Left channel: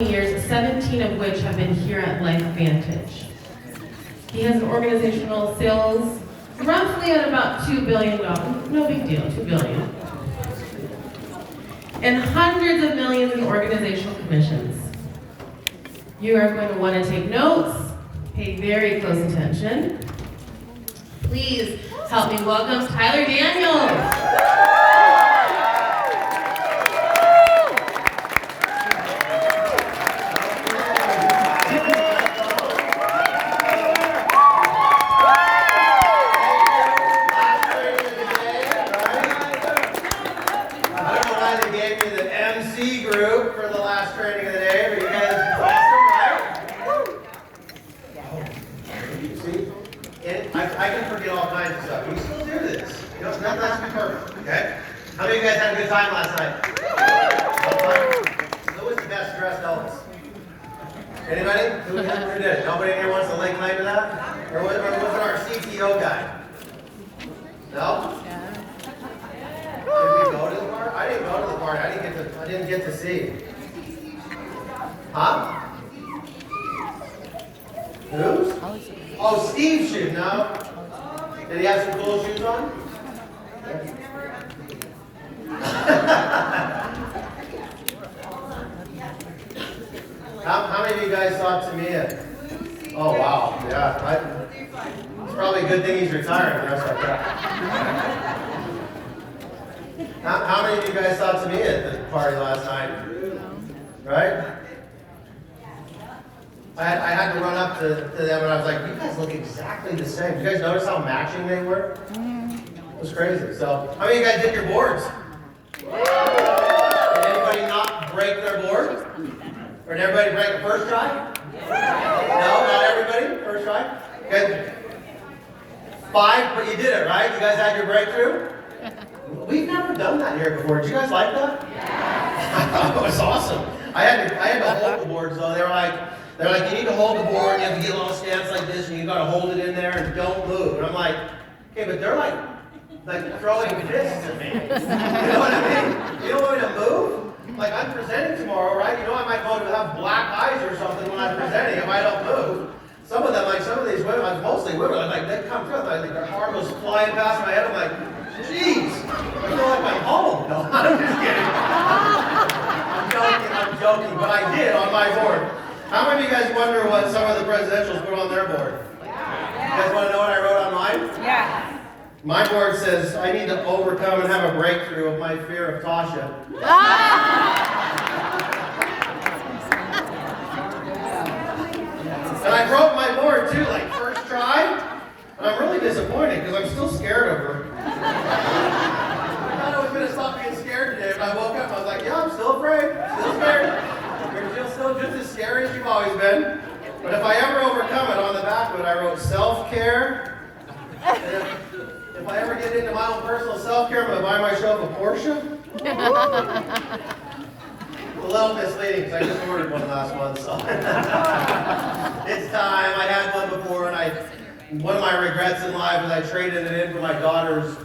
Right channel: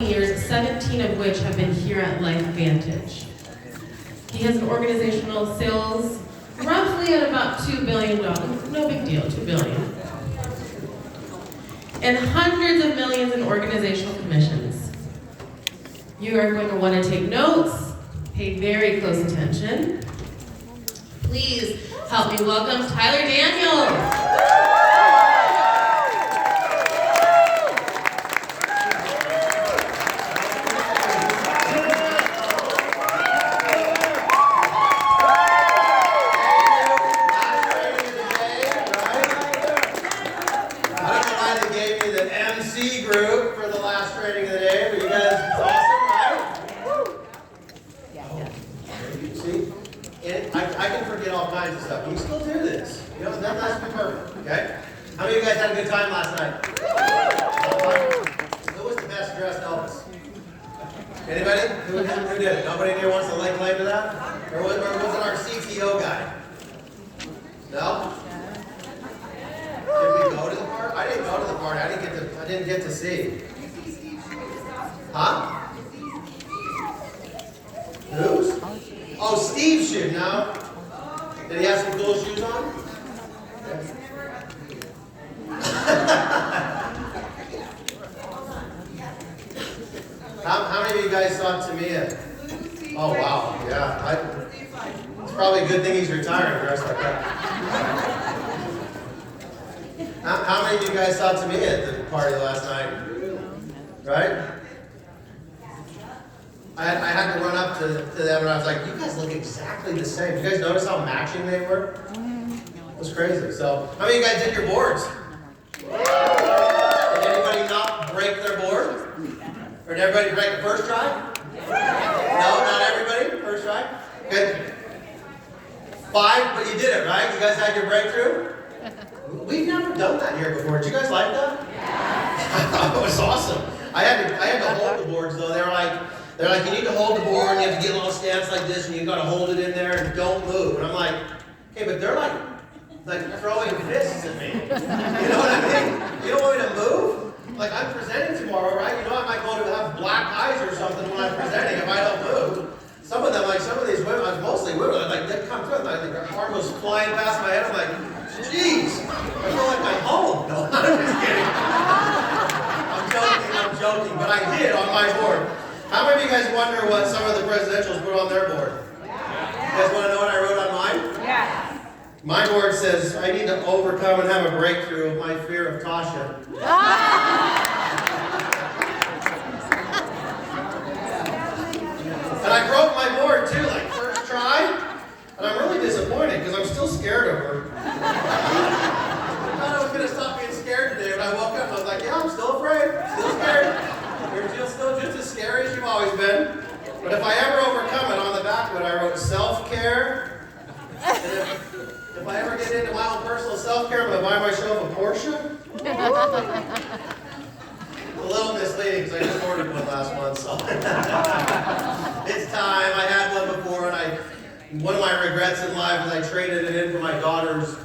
years, 17 of which have been here at LifeVantage. He has an organizational sales roughly at about $2 billion. No big deal, $2 billion. And hundreds of millions in organizational commissions. You are going to want to take notes, pay very close attention. Please help me welcome Tyler Daniels. Group for the last training of the day. Are you guys awesome, right? See? I can forget all kinds of stuff. We still do this. You know, it's not that to be perfect, okay? How many of you guys had a good time last night? Who was the best dressed Elvis? Anybody? Who did? Nobody here wants to lay claim to that? Or was it our CTO guy? No? Did we go to the party? I didn't go to the party. I didn't get to see. Huh? Who's? Oh, Steve's shoe. No. Did he have some cool shoes on? How many of you guys saw Tamia? Oh wow, yeah. It's probably a good thing he's retired dressed like that. How many of you guys saw Tamia at the party last night? Right? I had to run up to them and I was like, you guys look exactly the same. You guys notice how matching they were? It was crazy. So, how many of you guys did your boards? Did anybody not break their board? Or did everybody break the first try? No, not everybody? First try? Good. 5, but you did it, right? You guys had your breakthrough? We've never done that here before. Did you guys like that? I thought it was awesome. I had to hold the boards though. They're like, you need to hold the board, and you have to get a little stance like this, and you gotta hold it in there and don't move. And I'm like, okay, but they're like throwing fists at me. You know what I mean? You don't want me to move? Like I'm presenting tomorrow, right? You know I might go to have black eyes or something when I'm presenting if I don't move. Some of these women, mostly women, like they come through, like their arm goes flying past my head. I'm like, jeez, I feel like I'm home. No, I'm just kidding. I'm joking, but I did on my board. How many of you guys wonder what some of the presidentials put on their board? Yeah. You guys want to know what I wrote on mine? Yeah. My board says, I need to overcome and have a breakthrough of my fear of Tasha. And I broke my board too, like first try. And I'm really disappointed because I'm still scared of her. I thought I was going to stop being scared today, but I woke up and I was like, yeah, I'm still afraid. Still scared. You're still just as scary as you've always been. But if I ever overcome it, on the back of it, I wrote self-care. If I ever get into my own personal self-care, I'm going to buy myself a Porsche. A little misleading because I just ordered one last month, so. It's time. I had one before, and one of my regrets in life is I traded it in for my daughter's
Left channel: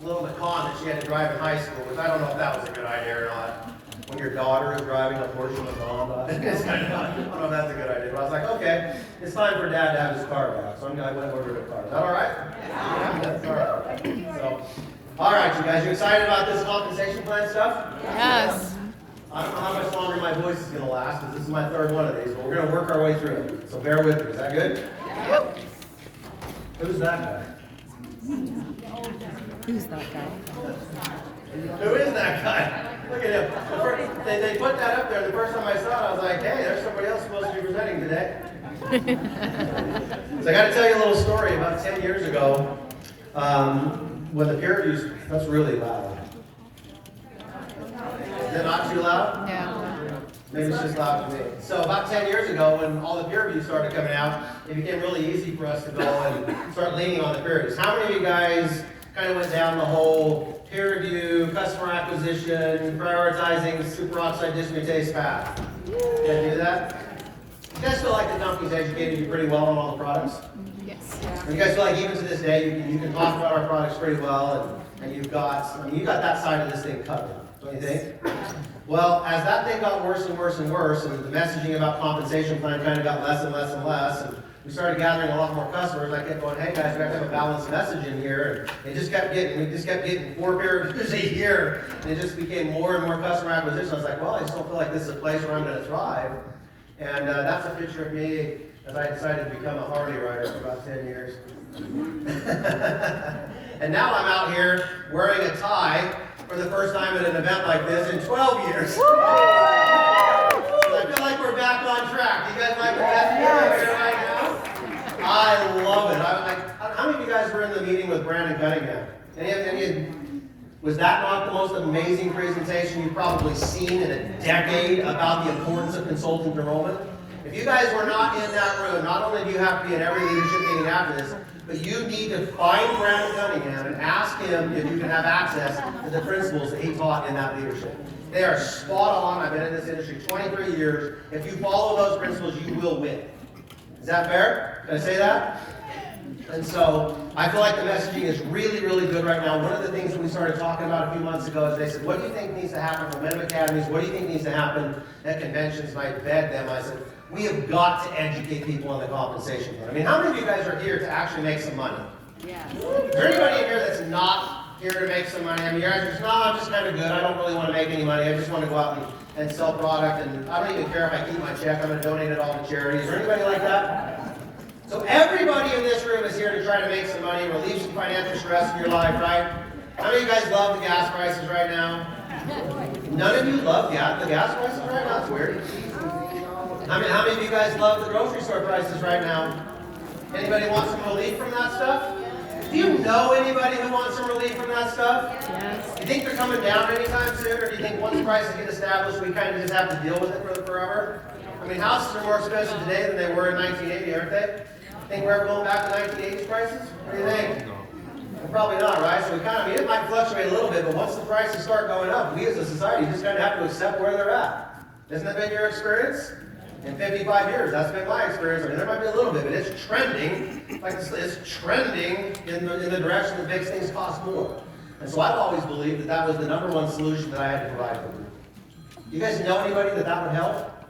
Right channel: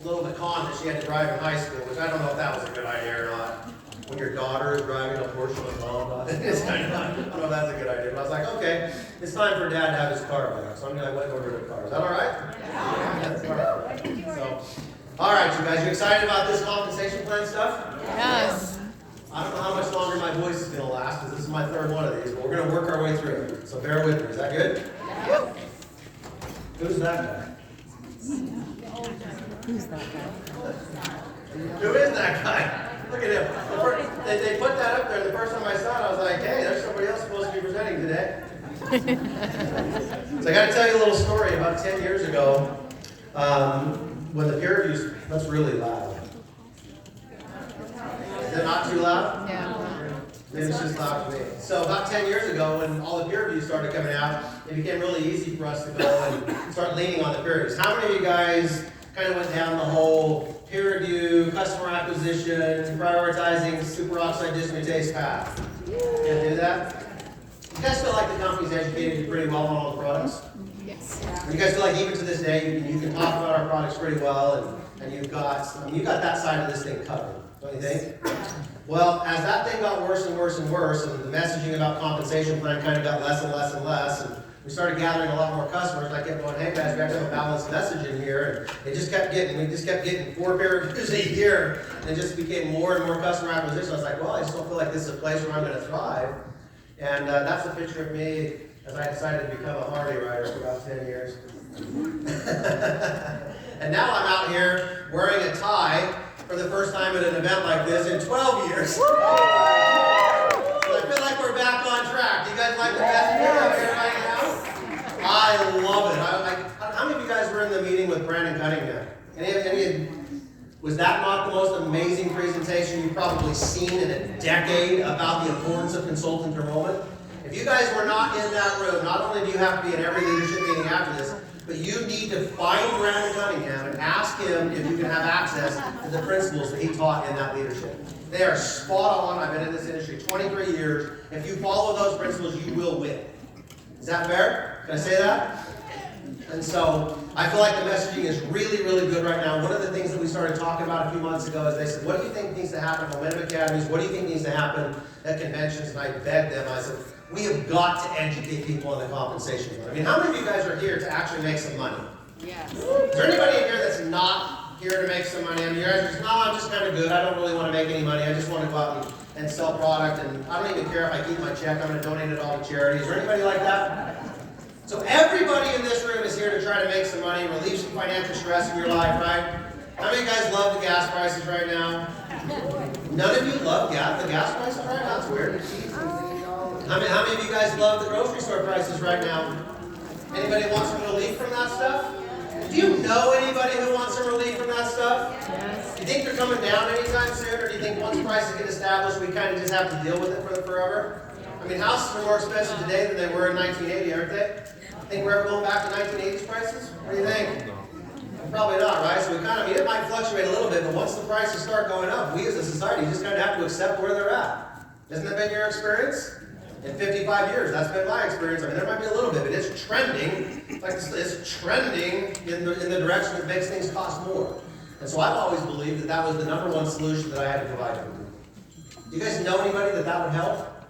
little Macan that she had to drive in high school, which I don't know if that was a good idea or not. When your daughter is driving a Porsche Macan, I don't know if that's a good idea. But I was like, okay, it's time for Dad to have his car back, so I went and ordered a car. Is that all right? Yeah. That's all right. So, all right, you guys, you excited about this compensation plan stuff? Yes. I don't know how much longer my voice is going to last, because this is my third one of these, but we're going to work our way through it. So bear with me. Is that good? Yeah. Who's that guy? Who's that guy? Who is that guy? Look at him. They put that up there the first time I saw it. I was like, hey, there's somebody else supposed to be presenting today. So I got to tell you a little story. About 10 years ago, when the peer reviews, that's really loud. Is it not too loud? No. Maybe it's just loud to me. So about 10 years ago, when all the peer reviews started coming out, it became really easy for us to go and start leaning on the peer reviews. How many of you guys kind of went down the whole peer review, customer acquisition, prioritizing superoxide dismutase path? You guys do that? You guys feel like the company's educated you pretty well on all the products? Yes. You guys feel like even to this day, you can talk about our products pretty well, and you've got that side of this thing covered, don't you think? Well, as that thing got worse and worse and worse, and the messaging about compensation plan kind of got less and less and less, and we started gathering a lot more customers, I kept going, hey guys, we got to have a balanced message in here, and we just kept getting 4 paragraphs a year, and it just became more and more customer acquisition. I was like, well, I just don't feel like this is a place where I'm going to thrive. And that's a picture of me as I decided to become a Harley rider for about 10 years. And now I'm out here wearing a tie for the first time at an event like this in 12 years. So I feel like we're back on track. Do you guys like the best year out here right now? I love it. How many of you guys were in the meeting with Brandon Cunningham? Was that not the most amazing presentation you've probably seen in a decade about the importance of consultant enrollment? If you guys were not in that room, not only do you have to be in every leadership meeting after this, but you need to find Brandon Cunningham and ask him if you can have access to the principles that he taught in that leadership. They are spot on. I've been in this industry 23 years. If you follow those principles, you will win. Is that fair? Can I say that? And so I feel like the messaging is really, really good right now. One of the things that we started talking about a few months ago is they said, what do you think needs to happen for Momentum Academies? What do you think needs to happen at conventions? And I begged them, I said, we have got to educate people on the compensation plan. I mean, how many of you guys are here to actually make some money? Yeah. Is there anybody in here that's not here to make some money? I mean, you guys are just, no, I'm just kind of good. I don't really want to make any money. I just want to go out and sell product, and I don't even care if I keep my check. I'm going to donate it all to charity. Is there anybody like that? So everybody in this room is here to try to make some money, relieve some financial stress in your life, right? How many of you guys love the gas prices right now? None of you love the gas prices right now? That's weird. How many of you guys love the grocery store prices right now? Anybody want some relief from that stuff? Do you know anybody who wants some relief from that stuff? Yes. Do you think they're coming down anytime soon, or do you think once prices get established, we kind of just have to deal with it for forever? I mean, houses are more expensive today than they were in 1980, aren't they? Think we're ever going back to 1980s prices? What do you think? Probably not, right? So it might fluctuate a little bit, but once the prices start going up, we as a society just kind of have to accept where they're at. Hasn't that been your experience? In 55 years, that's been my experience. I mean, there might be a little bit, but it's trending. Like it's trending in the direction that makes things cost more. And so I've always believed that was the #1 solution that I had to provide for people. You guys know anybody that would help?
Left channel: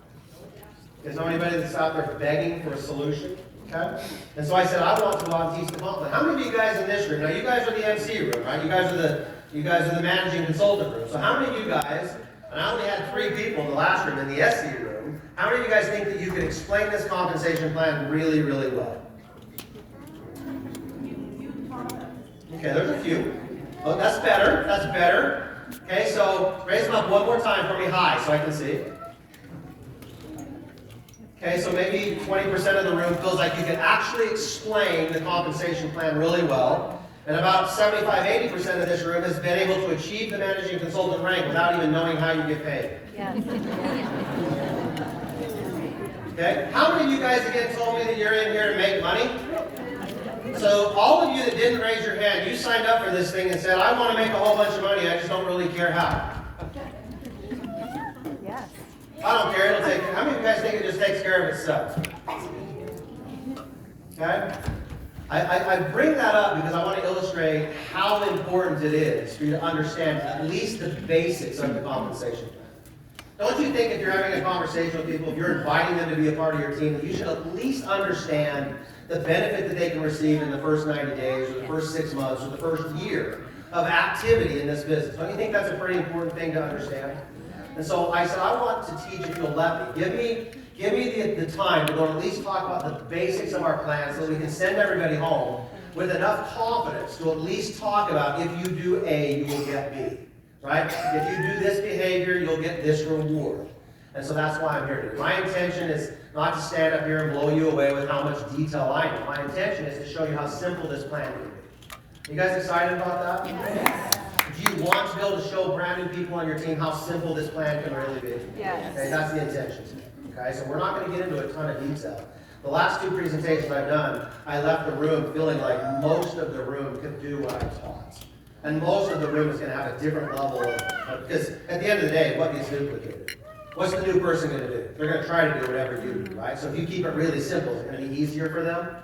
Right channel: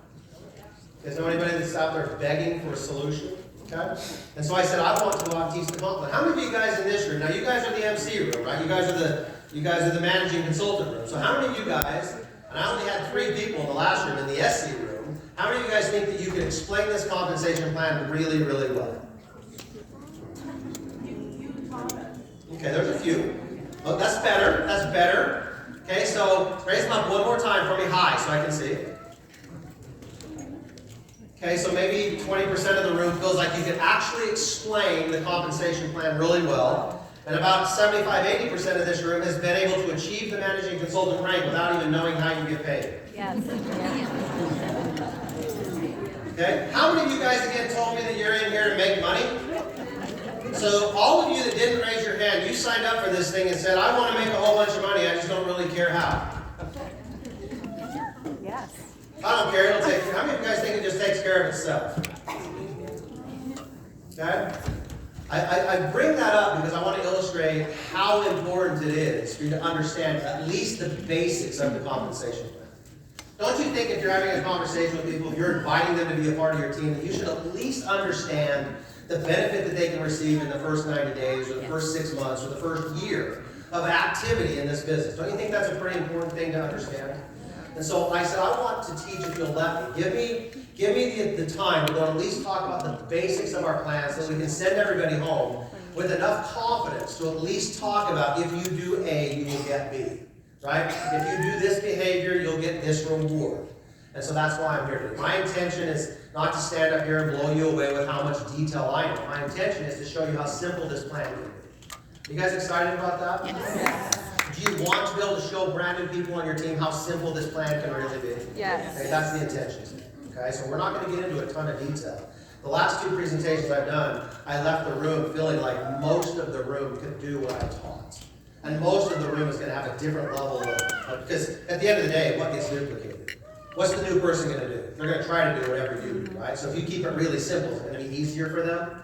You guys know anybody that's out there begging for a solution? Okay? And so I said, I want to go out and teach the comp plan. How many of you guys in this room? Now you guys are the MC room, right? You guys are the managing consultant room. So how many of you guys, and I only had 3 people in the last room, in the SC room, how many of you guys think that you could explain this compensation plan really, really well? You taught us. Okay, there's a few. Oh, that's better. That's better. Okay, so raise them up one more time for me high so I can see. Okay, so maybe 20% of the room feels like you can actually explain the compensation plan really well. And about 75-80% of this room has been able to achieve the managing consultant rank without even knowing how you get paid. Yes. Okay, how many of you guys again told me that you're in here to make money? So all of you that didn't raise your hand, you signed up for this thing and said, I want to make a whole bunch of money, I just don't really care how. Yes. I don't care, it'll take, how many of you guys think it just takes care of itself? Okay? I bring that up because I want to illustrate how important it is for you to understand at least the basics of the compensation plan. Don't you think if you're having a conversation with people, if you're inviting them to be a part of your team, that you should at least understand the benefit that they can receive in the first 90 days, or the first 6 months, or the first year of activity in this business? Don't you think that's a pretty important thing to understand? And so I said, I want to teach if you'll let me. Give me the time to go at least talk about the basics of our plan so we can send everybody home with enough confidence to at least talk about if you do A, you will get B. Right? If you do this behavior, you'll get this reward. And so that's why I'm here today. My intention is not to stand up here and blow you away with how much detail I know. My intention is to show you how simple this plan can be. You guys excited about that? Yes. Do you want to be able to show brand new people on your team how simple this plan can really be? Yes. Okay, that's the intention. Okay, so we're not going to get into a ton of detail. The last 2 presentations I've done, I left the room feeling like most of the room could do what I taught. And most of the room is going to have a different level of, because at the end of the day, what gets duplicated? What's the new person going to do? They're going to try to do whatever you do, right? So if you keep it really simple, it's going to be easier for them.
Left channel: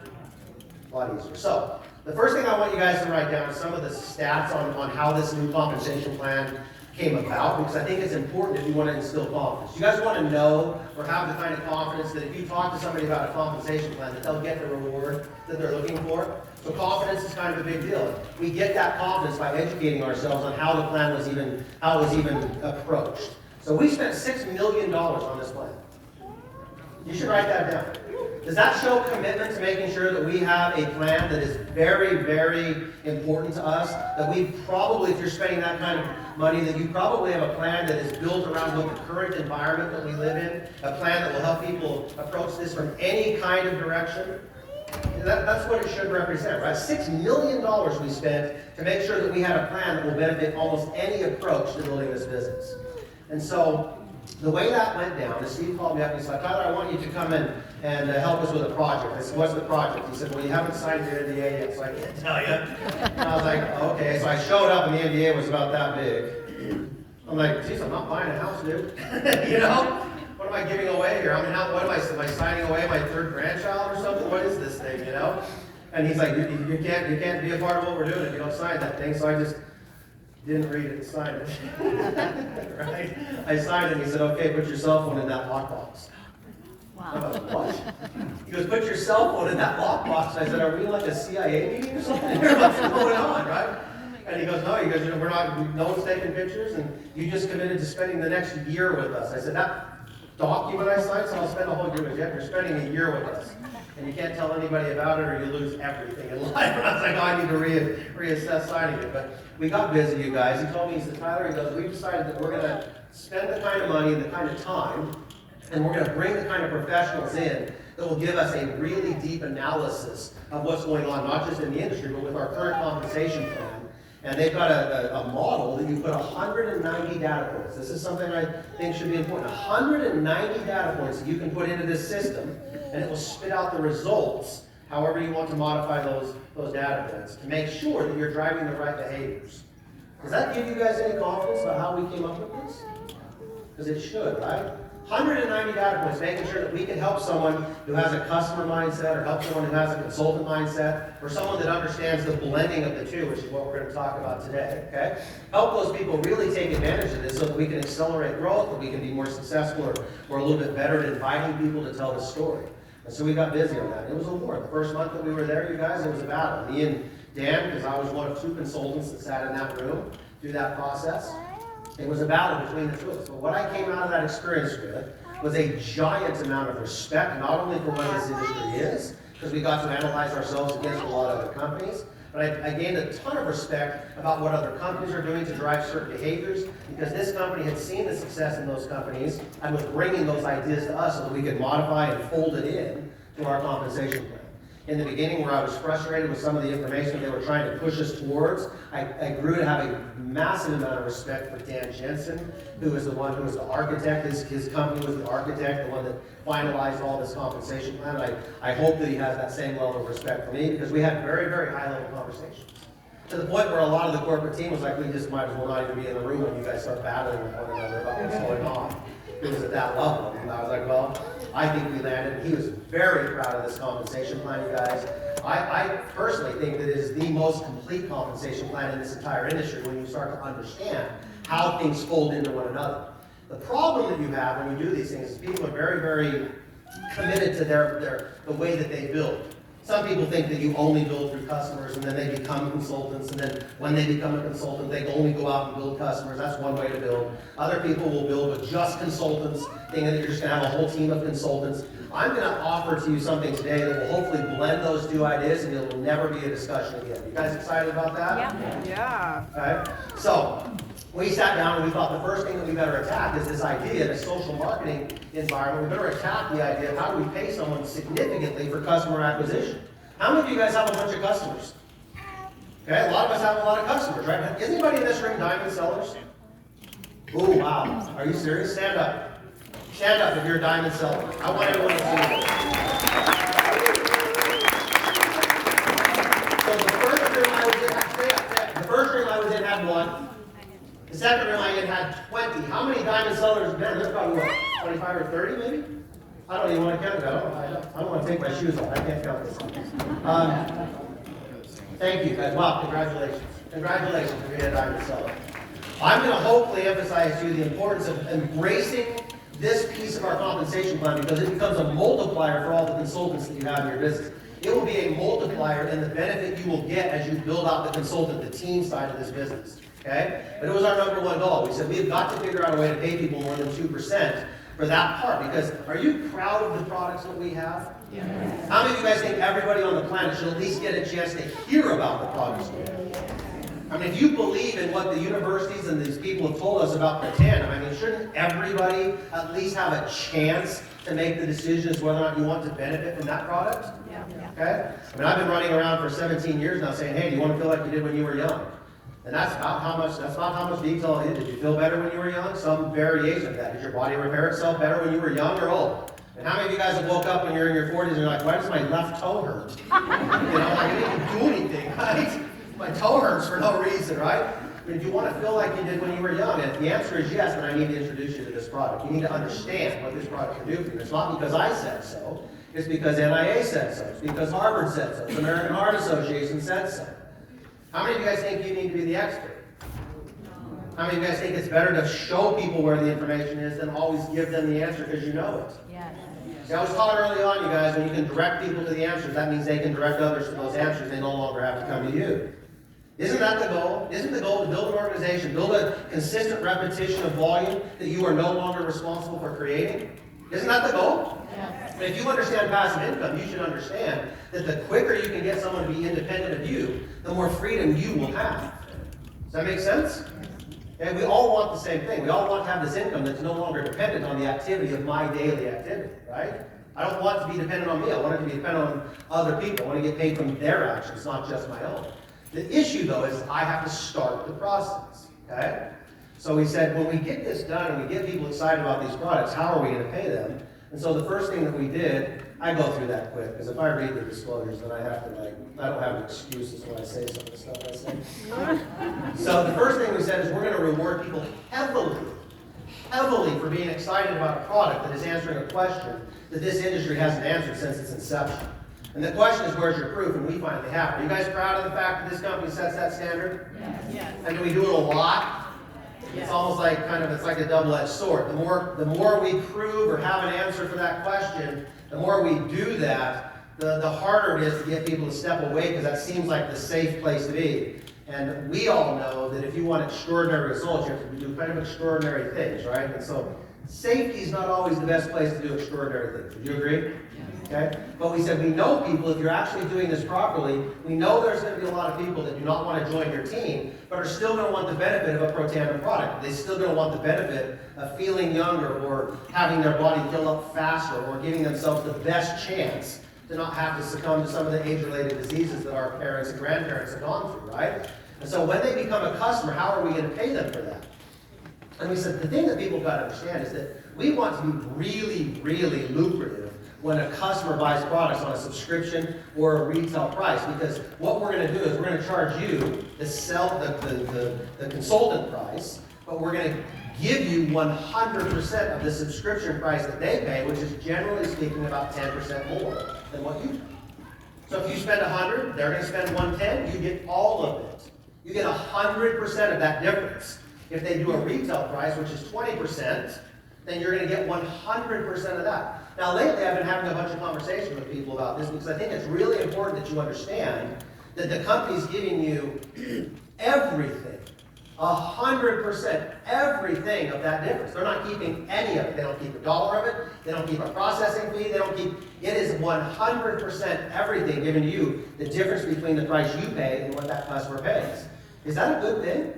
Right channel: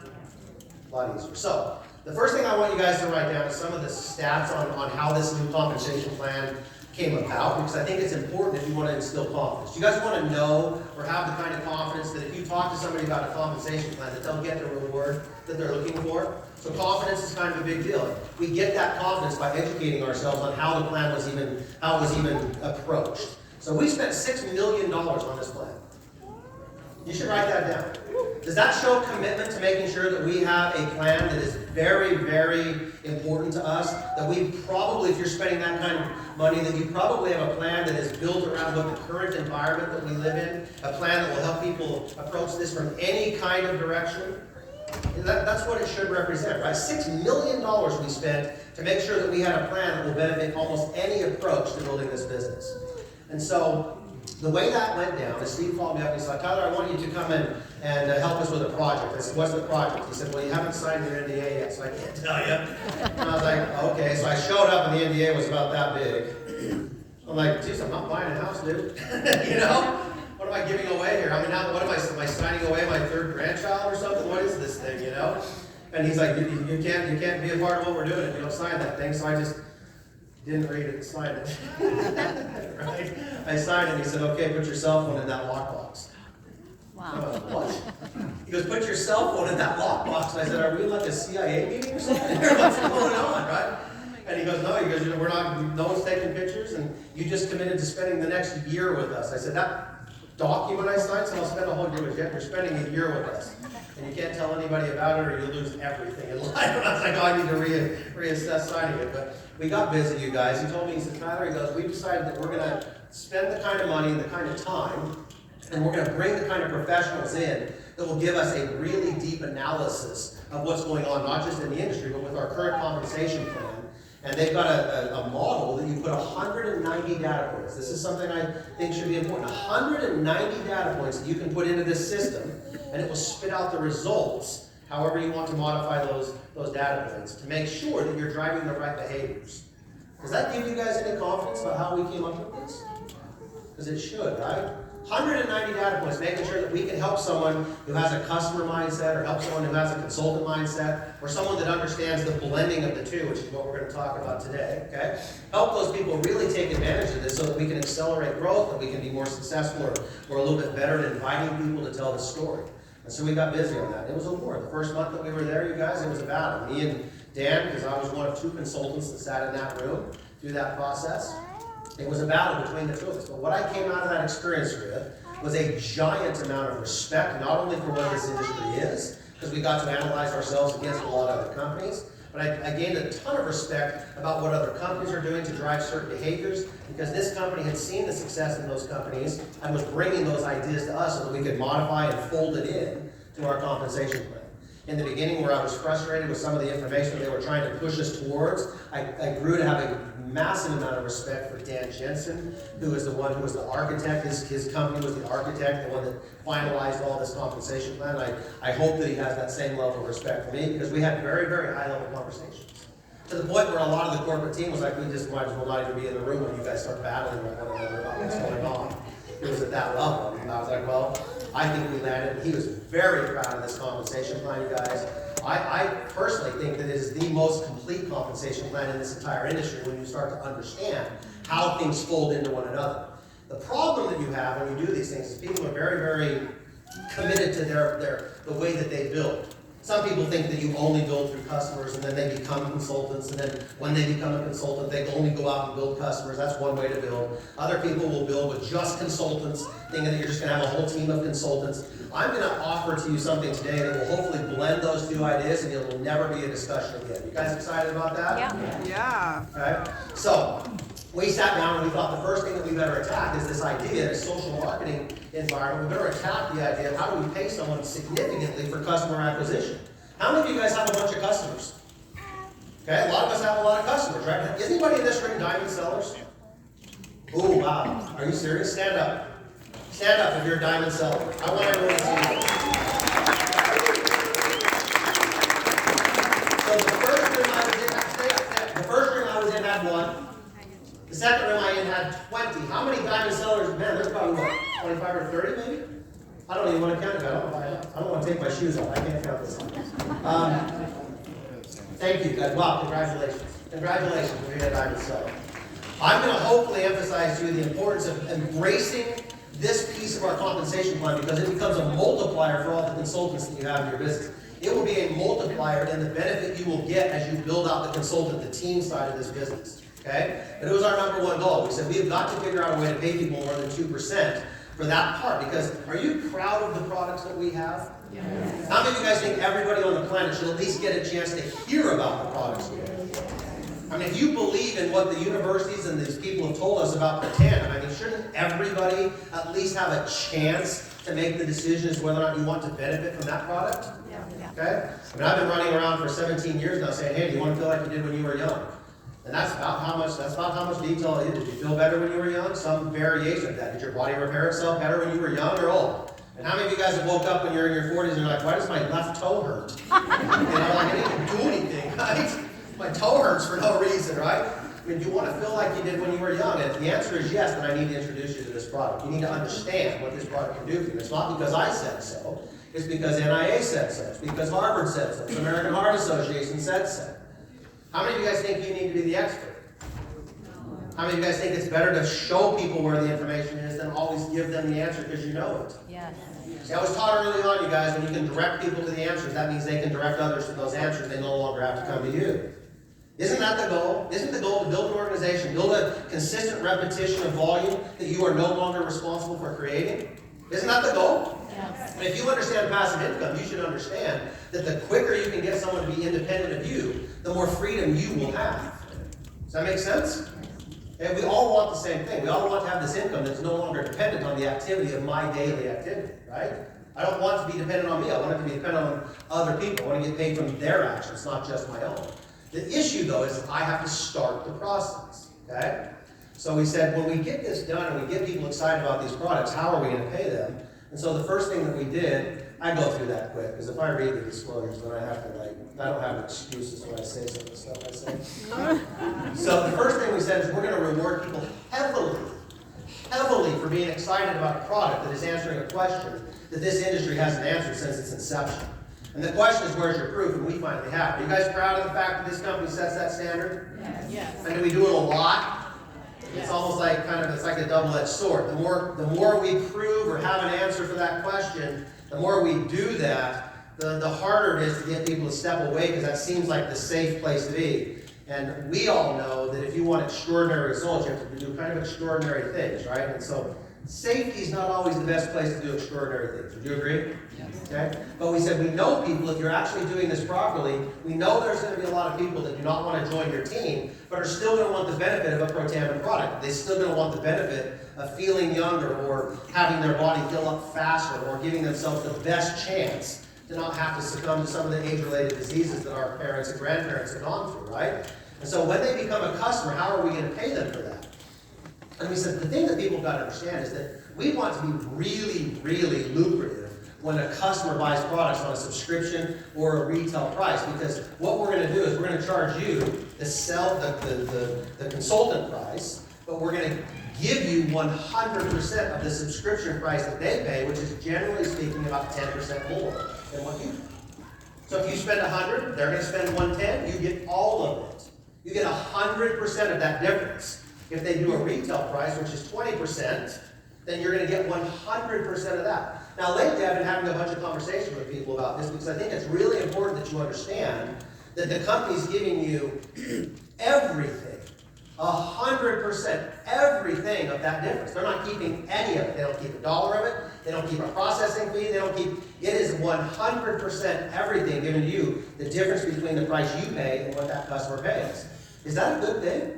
A lot easier. So the first thing I want you guys to write down is some of the stats on how this new compensation plan came about, because I think it's important if you want to instill confidence. You guys want to know or have the kind of confidence that if you talk to somebody about a compensation plan, that they'll get the reward that they're looking for. So confidence is kind of a big deal. We get that confidence by educating ourselves on how the plan was even approached. So we spent $6 million on this plan. You should write that down. Does that show commitment to making sure that we have a plan that is very, very important to us? That we probably, if you're spending that kind of money, that you probably have a plan that is built around what the current environment that we live in, a plan that will help people approach this from any kind of direction? That's what it should represent, right? $6 million we spent to make sure that we had a plan that will benefit almost any approach to building this business. And so, the way that went down is Steve called me up and said, Tyler, I want you to come in and help us with a project. I said, what's the project? He said, well, you haven't signed your NDA yet, so I can't tell you. And I was like, okay. So I showed up and the NDA was about that big. I'm like, geez, I'm not buying a house, dude. You know? What am I giving away here? I mean, what am I signing away my third grandchild or something? What is this thing, you know? And he's like, you can't be a part of what we're doing if you don't sign that thing. So I just didn't read it and sign it. Right? I signed it and he said, okay, put your cell phone in that lockbox. Wow. What? He goes, put your cell phone in that lockbox. I said, are we like a CIA meeting or something? What's going on, right? And he goes, no, we're not, no one's taking pictures, and you just committed to spending the next year with us. I said, that document I signed, so I'll spend a whole year with you. You're spending a year with us. And you can't tell anybody about it or you'll lose everything in life. And I was like, oh, I need to reassess signing it. But we got busy, you guys. He told me, he said, Tyler, he goes, we've decided that we're going to spend the kind of money and the kind of time, and we're going to bring the kind of professionals in that will give us a really deep analysis of what's going on, not just in the industry, but with our current compensation plan. And they've got a model that you put 190 data points. This is something I think should be important. 190 data points that you can put into this system, and it will spit out the results however you want to modify those data points to make sure that you're driving the right behaviors. Does that give you guys any confidence about how we came up with this? Because it should, right? 190 data points, making sure that we can help someone who has a customer mindset, or help someone who has a consultant mindset, or someone that understands the blending of the two, which is what we're going to talk about today, okay? Help those people really take advantage of this so that we can accelerate growth, that we can be more successful, or we're a little bit better at inviting people to tell the story. And so we got busy on that. It was a war. The first month that we were there, you guys, it was a battle. Me and Dan, because I was one of 2 consultants that sat in that room through that process, it was a battle between the two of us. But what I came out of that experience with was a giant amount of respect, not only for what this industry is, because we got to analyze ourselves against a lot of other companies, but I gained a ton of respect about what other companies are doing to drive certain behaviors, because this company had seen the success in those companies and was bringing those ideas to us so that we could modify and fold it in to our compensation plan. In the beginning, where I was frustrated with some of the information they were trying to push us towards, I grew to have a massive amount of respect for Dan Jensen, who is the one who was the architect. His company was the architect, the one that finalized all this compensation plan. I hope that he has that same level of respect for me, because we had very, very high-level conversations. To the point where a lot of the corporate team was like, we just might as well not even be in the room when you guys start battling with one another about what's going on. It was at that level. And I was like, well, I think we landed. He was very proud of this compensation plan, you guys. I personally think that it is the most complete compensation plan in this entire industry when you start to understand how things fold into one another. The problem that you have when you do these things is people are very, very committed to the way that they build. Some people think that you only build through customers and then they become consultants, and then when they become a consultant, they only go out and build customers. That's one way to build. Other people will build with just consultants, thinking that you're just going to have a whole team of consultants. I'm going to offer to you something today that will hopefully blend those two ideas, and it will never be a discussion again. You guys excited about that? Yeah. Okay. So we sat down and we thought the first thing that we better attack is this idea in a social marketing environment. We better attack the idea of how do we pay someone significantly for customer acquisition. How many of you guys have a bunch of customers? Okay, a lot of us have a lot of customers, right? Is anybody in this room diamond sellers? Oh, wow. Are you serious? Stand up. Stand up if you're a diamond seller. I want everyone to see you. So the first room I was in, the first room I was in had 1. The second room I in had 20. How many diamond sellers? Man, there's probably what, 25 or 30 maybe? I don't even want to count it. I don't want to take my shoes off. I can't count this. Thank you guys. Wow, congratulations. Congratulations for being a diamond seller. I'm going to hopefully emphasize to you the importance of embracing this piece of our compensation plan because it becomes a multiplier for all the consultants that you have in your business. It will be a multiplier in the benefit you will get as you build out the consultant, the team side of this business. Okay? But it was our number one goal. We said we have got to figure out a way to pay people more than 2% for that part. Because are you proud of the products that we have? Yeah. How many of you guys think everybody on the planet should at least get a chance to hear about the products we have? I mean, if you believe in what the universities and these people have told us about Protandim, I mean, shouldn't everybody at least have a chance to make the decision as to whether or not you want to benefit from that product? Yeah. Okay? I mean, I've been running around for 17 years now saying, hey, do you want to feel like you did when you were young? And that's not how much detail it is. Did you feel better when you were young? Some variation of that. Did your body repair itself better when you were young or old? And how many of you guys have woke up when you're in your 40s and you're like, why does my left toe hurt? I didn't do anything, right? My toe hurts for no reason, right? I mean, do you want to feel like you did when you were young? And if the answer is yes, then I need to introduce you to this product. You need to understand what this product can do for you. It's not because I said so. It's because NIA said so. It's because Harvard said so. It's the American Heart Association said so. How many of you guys think you need to be the expert? How many of you guys think it's better to show people where the information is than always give them the answer because you know it? Yes. See, I was taught early on, you guys, when you can direct people to the answers, that means they can direct others to those answers. They no longer have to come to you. Isn't that the goal? Isn't the goal to build an organization, build a consistent repetition of volume that you are no longer responsible for creating? Isn't that the goal? Yes. And if you understand passive income, you should understand that the quicker you can get someone to be independent of you, the more freedom you will have. Does that make sense? And we all want the same thing. We all want to have this income that's no longer dependent on the activity of my daily activity, right? I don't want it to be dependent on me. I want it to be dependent on other people. I want to get paid from their actions, not just my own. The issue, though, is I have to start the process, okay? So we said, when we get this done and we get people excited about these products, how are we going to pay them? And so the first thing that we did, I go through that quick, because if I read the disclosures, then I have to, I don't have an excuse when I say some of the stuff I say. So the first thing we said is we're going to reward people heavily for being excited about a product that is answering a question that this industry hasn't answered since its inception. And the question is, where's your proof? And we finally have it. Are you guys proud of the fact that this company sets that standard? Yes. And do we do it a lot? Yes. It's almost like it's like a double-edged sword. The more we prove or have an answer for that question, the more we do that, the harder it is to get people to step away because that seems like the safe place to be. And we all know that if you want extraordinary results, you have to do kind of extraordinary things, right? And so safety is not always the best place to do extraordinary things. Would you agree? Okay? But we said we know people, if you're actually doing this properly, we know there's going to be a lot of people that do not want to join your team, but are still going to want the benefit of a Protandim product. They're still going to want the benefit of feeling younger or having their body heal up faster or giving themselves the best chance to not have to succumb to some of the age-related diseases that our parents and grandparents have gone through, right? And so when they become a customer, how are we going to pay them for that? And we said the thing that people got to understand is that we want to be really, really lucrative when a customer buys products on a subscription or a retail price, because what we're going to do is we're going to charge you the consultant price, but we're going to give you 100% of the subscription price that they pay, which is generally speaking about 10% more than what you pay. So if you spend 100, they're going to spend 110, you get all of it. You get 100% of that difference. If they do a retail price, which is 20%, then you're going to get 100% of that. Now lately I've been having a bunch of conversations with people about this because I think it's really important that you understand that the company's giving you everything, 100%, everything of that difference. They're not keeping any of it. They don't keep a dollar of it. They don't keep a processing fee. They don't keep, it is 100% everything given to you, the difference between the price you pay and what that customer pays. Is that a good thing?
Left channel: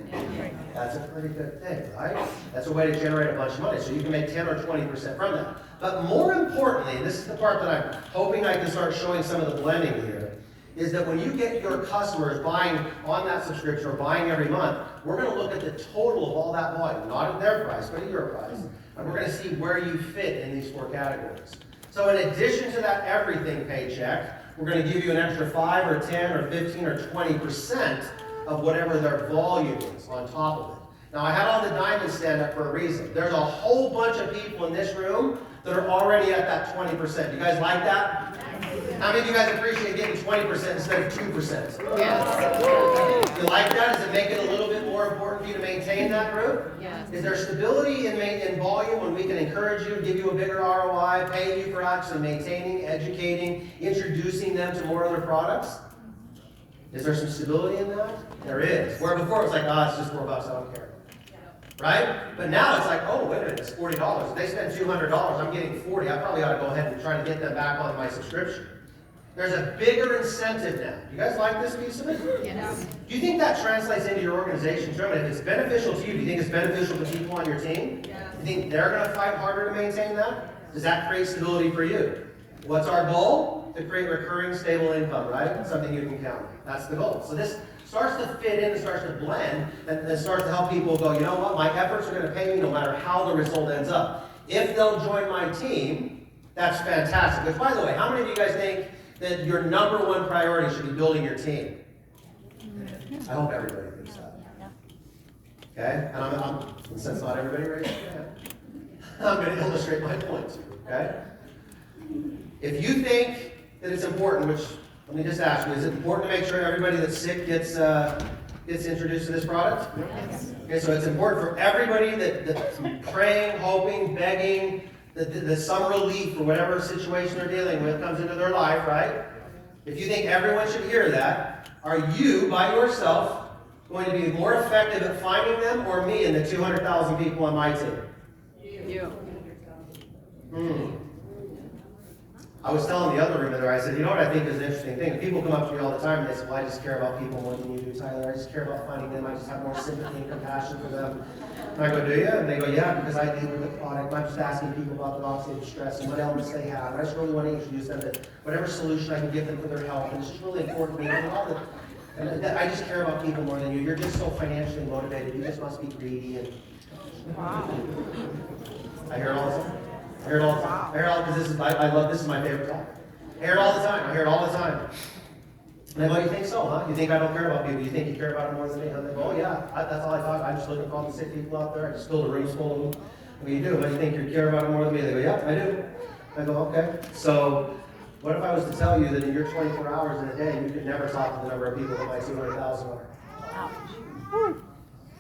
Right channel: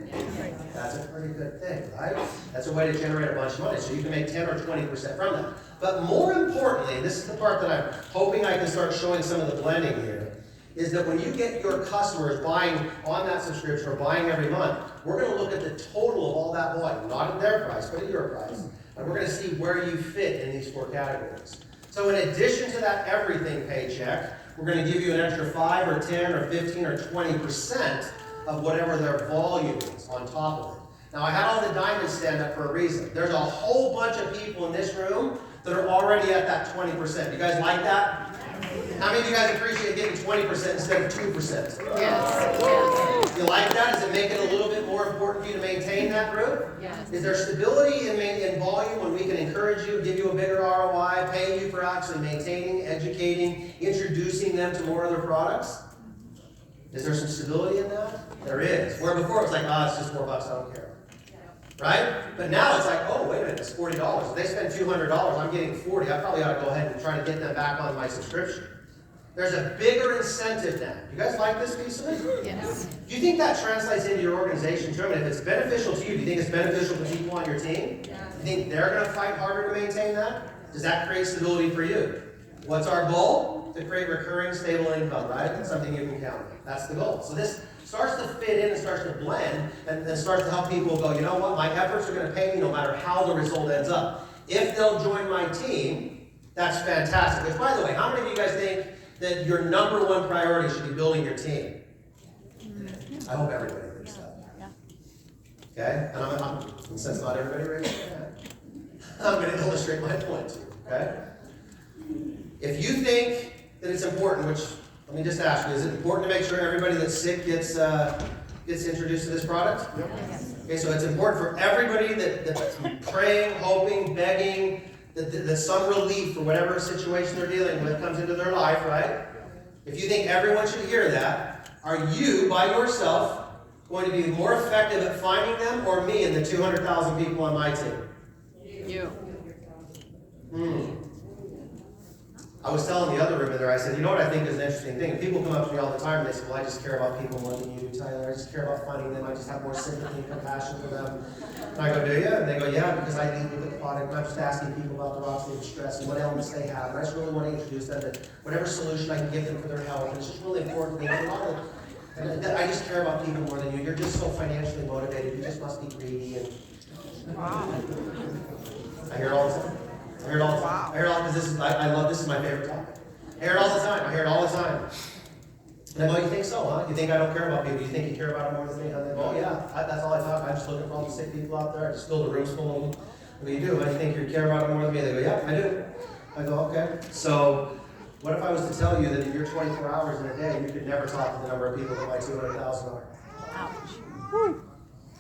That's a pretty good thing, right? That's a way to generate a bunch of money. So you can make 10 or 20% from that. But more importantly, and this is the part that I'm hoping I can start showing some of the blending here, is that when you get your customers buying on that subscription or buying every month, we're going to look at the total of all that volume, not at their price, but at your price. And we're going to see where you fit in these 4 categories. So in addition to that everything paycheck, we're going to give you an extra 5 or 10 or 15 or 20% of whatever their volume is on top of it. Now, I had all the diamonds stand up for a reason. There's a whole bunch of people in this room that are already at that 20%. You guys like that? How many of you guys appreciate getting 20% instead of 2%? Yes. You like that? Does it make it a little bit more important for you to maintain that group? Yes. Is there stability in volume when we can encourage you, give you a bigger ROI, pay you for actually maintaining, educating, introducing them to more other products? Is there some stability in that? There is. Where before it was like, it's just $4, I don't care. Right? But now it's like, oh, wait a minute, it's $40. If they spend $200, I'm getting $40. I probably ought to go ahead and try to get them back on my subscription. There's a bigger incentive now. You guys like this piece of it? Yes. Do you think that translates into your organization? If it's beneficial to you, do you think it's beneficial to people on your team? Yes. Do you think they're going to fight harder to maintain that? Does that create stability for you? What's our goal? To create recurring, stable income, right? Something you can count on. That's the goal. So this starts to fit in and starts to blend and starts to help people go, you know what, my efforts are going to pay me no matter how the result ends up. If they'll join my team, that's fantastic. Which, by the way, how many of you guys think that your number one priority should be building your team? I hope everybody thinks that. Okay? And since not everybody raised their hand, I'm going to illustrate my point. Okay? If you think that it's important, which let me just ask you, is it important to make sure everybody that's sick gets introduced to this product? Yes. Okay, so it's important for everybody that's praying, hoping, begging, that some relief for whatever situation they're dealing with comes into their life, right? If you think everyone should hear that, are you, by yourself, going to be more effective at finding them, or me and the 200,000 people on my team? You. I was telling the other room in there, I said, you know what I think is an interesting thing? People come up to me all the time and they say, well, I just care about people more than you do, Tyler. I just care about finding them. I just have more sympathy and compassion for them. And I go, do you? And they go, yeah, because I deal with the product. I'm just asking people about the oxidative stress and what ailments they have. And I just really want to introduce them to whatever solution I can give them for their health. And it's just really important to me. And I just care about people more than you. You're just so financially motivated. You just must be greedy. And I hear it all the time. I hear it all the time. I hear it all because this is my favorite topic. I hear it all the time. I hear it all the time. And I go, you think so, huh? You think I don't care about people? You think you care about them more than me? And they go, oh yeah, that's all I thought. I'm just looking for all the sick people out there. I just filled the rooms full of them. I go, you do? But you think you care about them more than me? They go, yeah, I do. I go, okay. So what if I was to tell you that in your 24 hours in a day, you could never talk to the number of people that my 200,000 are?